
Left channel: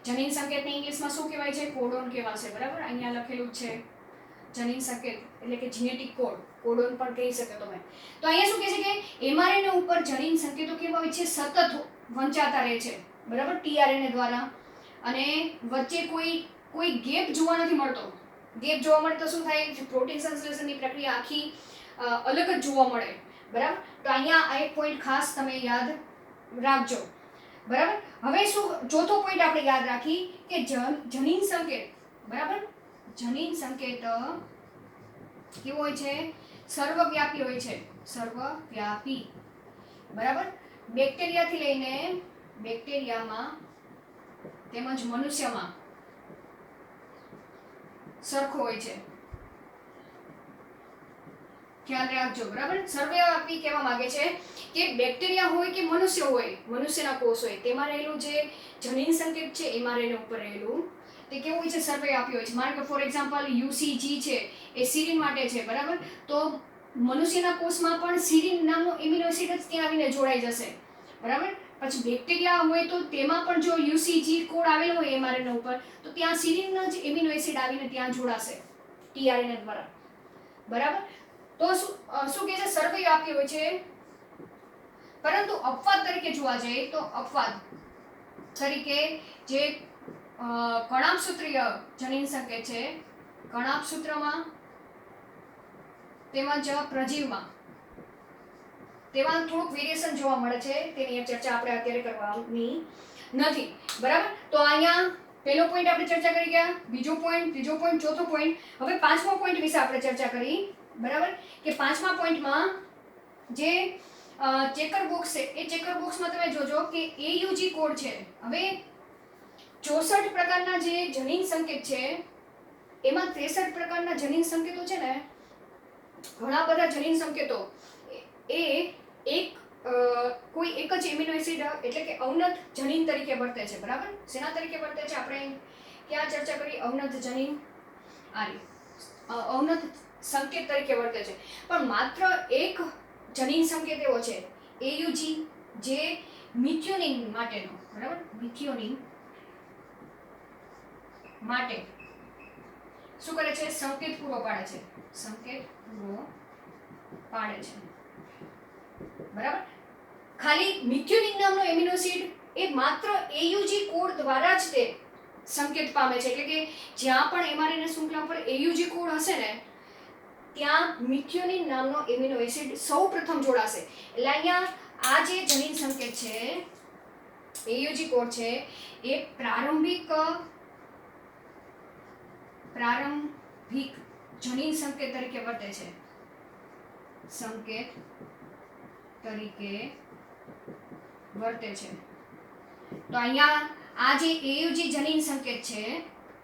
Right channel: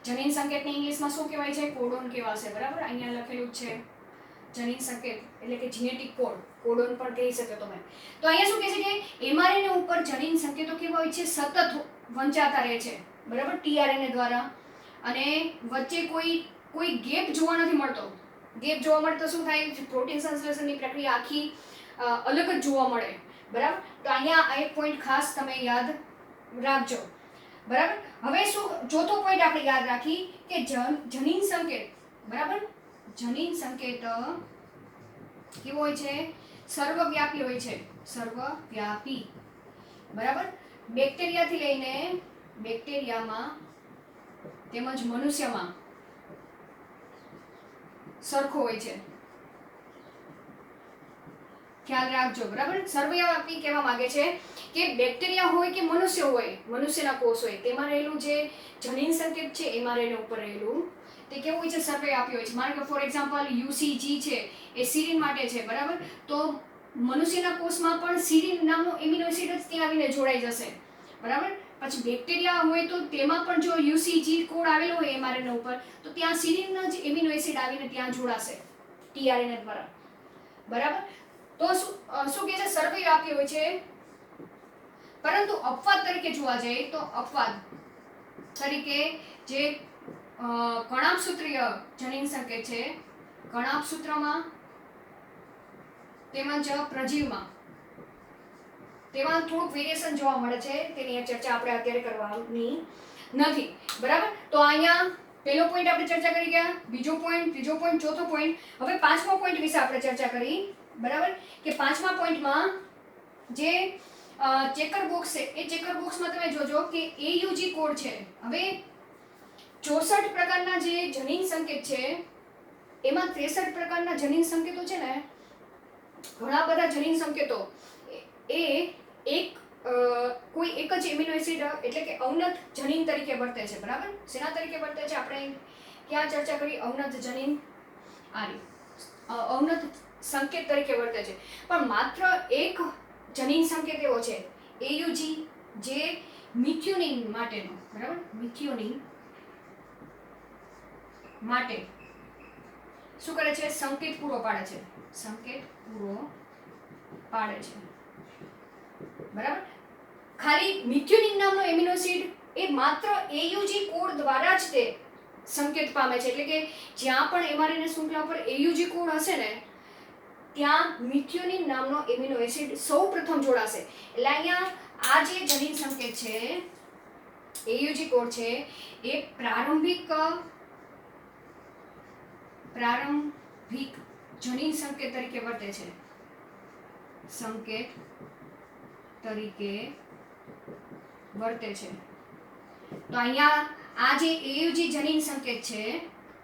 જનીન સંકેતને ઇંગ્લિશમાં શું કહેવાય છે? કોડોન કહેવાશે, બરાબર. અહીંયા લખેલું છે જનીન સંકેત એટલે કે જીનેટિક કોડ, કોડોન પણ કહી શકો તમે. તો અહીંયા શું કહે છે કે mRNA ઉપર જનીન સંકેતો કેવા હોય છે? સતત વંચાતા રહે છે, બરાબર, tRNA દ્વારા, અને વચ્ચે કોઈ ગેપ જોવા નથી મળતો. ગેપ જોવા મળે તો શું થાય? પ્રોટીન સંશ્લેષણની પ્રક્રિયા આખી અલગ જ જોવા મળે, બરાબર. તો અહીંયા આ એક પોઈન્ટ ખાસ તમે યાદ રાખજો, બરાબર. હવે શું ચોથો પોઈન્ટ આપણે યાદ રાખી કે જનીન સંકેત, બરાબર, જનીન સંકેત કેવો હોય છે? સર્વવ્યાપી હોય છે, સર્વવ્યાપી, બરાબર. બેક્ટેરિયામાં તેમજ મનુષ્યમાં સરખો હોય છે. ખ્યાલ રાખજો, બરાબર. સર્વવ્યાપી કહેવા માંગે છે કે બેક્ટેરિયા હોય કે મનુષ્ય હોય, મનુષ્યના કોષ હોય, તેમાં રહેલું જે જનીન સંકેત છે mRNA ઉપર રહેલું તે કેવું હોય છે? સર્વવ્યાપી હોય છે. માનો કે ફોર એક્ઝામ્પલ UCG છે એ સીરીન માટે છે, બરાબર. તો મનુષ્યના કોષમાં પણ સીરીન નામનો એમિનો એસિડ જ ત્યાં આવીને જોડાઈ જશે, બરાબર. પછી બેક્ટેરિયા હોય તો તેમાં પણ જો UCG કોડ આવેલો હોય mRNA ઉપર તો ત્યાં સીરીનનો જ એમિનો એસિડ આવીને ત્યાં જોડાશે tRNA દ્વારા, બરાબર. તો શું કહે છે? સર્વવ્યાપી હોય છે. પરંતુ અપવાદ તરીકે જોવા જઈએ તો અપવાદ તરીકે જે કણાભસૂત્રીય જનીન સંકેત છે, કણાભસૂત્રમાં તેમજ પ્રજીવમાં તેમાં થોડુંક વેરિએશન જોવા મળે છે. તેની ચર્ચા આપણે અત્યારે કરવાની નથી, બરાબર. તો અહીંયા પહેલો પોઈન્ટ આપણે ચર્ચા કરી ગયા, બીજો પોઈન્ટ, ત્રીજો પોઈન્ટ, ચોથો પોઈન્ટ. હવે પાંચમો પોઈન્ટ વિશે આપણે ચર્ચા કરી, બરાબર, કે પાંચમા પોઈન્ટમાં જે ચેકર બોક્સ છે એ ચેકર બોક્સમાં તમે જોજો કે AUG કોડ છે. હવે 64 પ્રકારના જે જનીન સંકેત છે એમાં 63 પ્રકારના જનીન સંકેતો છે ને, ઘણા બધા જનીન સંકેતો એ કોઈ એક જ એમિનો એસિડ એટલે કે અવનત જનીન તરીકે વર્તે છે, બરાબર. શેના તરીકે વર્તે છે? આપણે ક્યાં ચર્ચા કરી? અવનત જનીન, અવનત સંકેત તરીકે વર્તે છે. પણ માત્ર એક જનીન સંકેત એવો છે AUG જે મિથિયોનિન માટેનો, બરાબર, મિથિયોનિન માટે શું કરે છે? સંકેત પૂરો પાડે છે, સંકેત પૂરો પાડે છે, બરાબર. ખાલી મિથિયોનિન નામનો એમિનો એસિડ એ માત્ર AUG કોડ દ્વારા જ તે સંકેત પામે છે. એટલે કે જ્યાં પણ mRNA શૃંખલા પર AUG કોડ હશે ને ત્યાં મિથિયોનિન નામનો એમિનો એસિડ સૌપ્રથમ જોડાશે. એટલે અહીંયા આ જે જનીન સંકેત છે AUG કોડ છે એ પ્રારંભિક જનીન સંકેત તરીકે વર્તે છે, સંકેત તરીકે વર્તે છે. તો અહીંયા આ જે AUG જનીન સંકેત છે,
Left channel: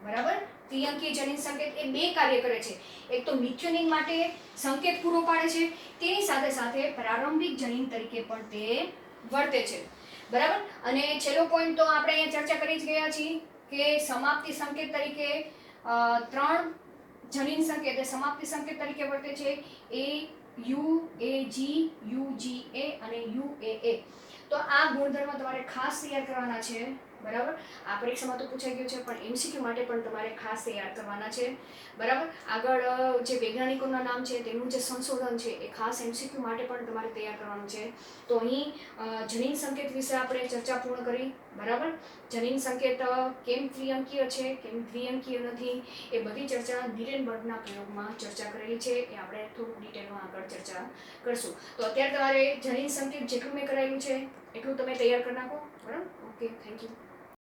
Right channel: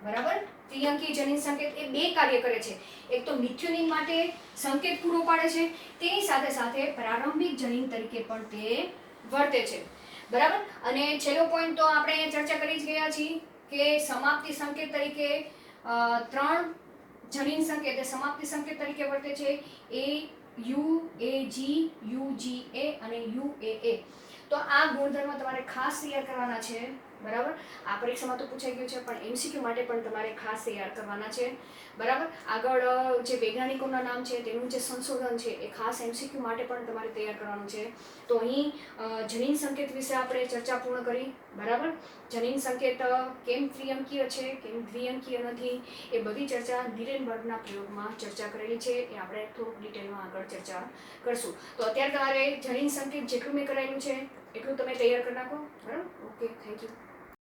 બરાબર, ત્રિઅંકી જનીન સંકેત એ બે કાર્ય કરે છે. એક તો મિથિયોનિન માટે સંકેત પૂરો પાડે છે, તેની સાથે સાથે પ્રારંભિક જનીન તરીકે પણ તે વર્તે છે, બરાબર. અને છેલ્લો પોઈન્ટ તો આપણે અહીંયા ચર્ચા કરી જ ગયા છીએ કે સમાપ્તિ સંકેત તરીકે 3 જનીન સંકેત એ સમાપ્તિ સંકેત તરીકે વર્તે છે, AUAG, UGA અને UAA. તો આ ગુણધર્મ તમારે ખાસ તૈયાર કરવાના છે, બરાબર. આ પરીક્ષામાં તો પૂછાઈ ગયું છે પણ MCQ માટે પણ તમારે ખાસ તૈયાર કરવાના છે, બરાબર. આગળ જે વૈજ્ઞાનિકોના નામ છે તેનું જે સંશોધન છે એ ખાસ MCQ માટે પણ તમારે તૈયાર કરવાનું છે. તો અહીં જનીન સંકેત વિશે આપણે ચર્ચા પૂર્ણ કરી, બરાબર. જનીન સંકેત કેમ ત્રિઅંકીય છે, કેમ દ્વિઅંકીય નથી, એ બધી ચર્ચા નીરેનબર્ગના પ્રયોગમાં ચર્ચા કરેલી છે. એ આપણે થોડુંક ડિટેલમાં આગળ ચર્ચા કરશું. તો અત્યારે તમારે જનીન સંકેત જેટલું મેં કરાયેલું છે એટલું તમે તૈયાર કરી નાખો, બરાબર. Okay, thank you.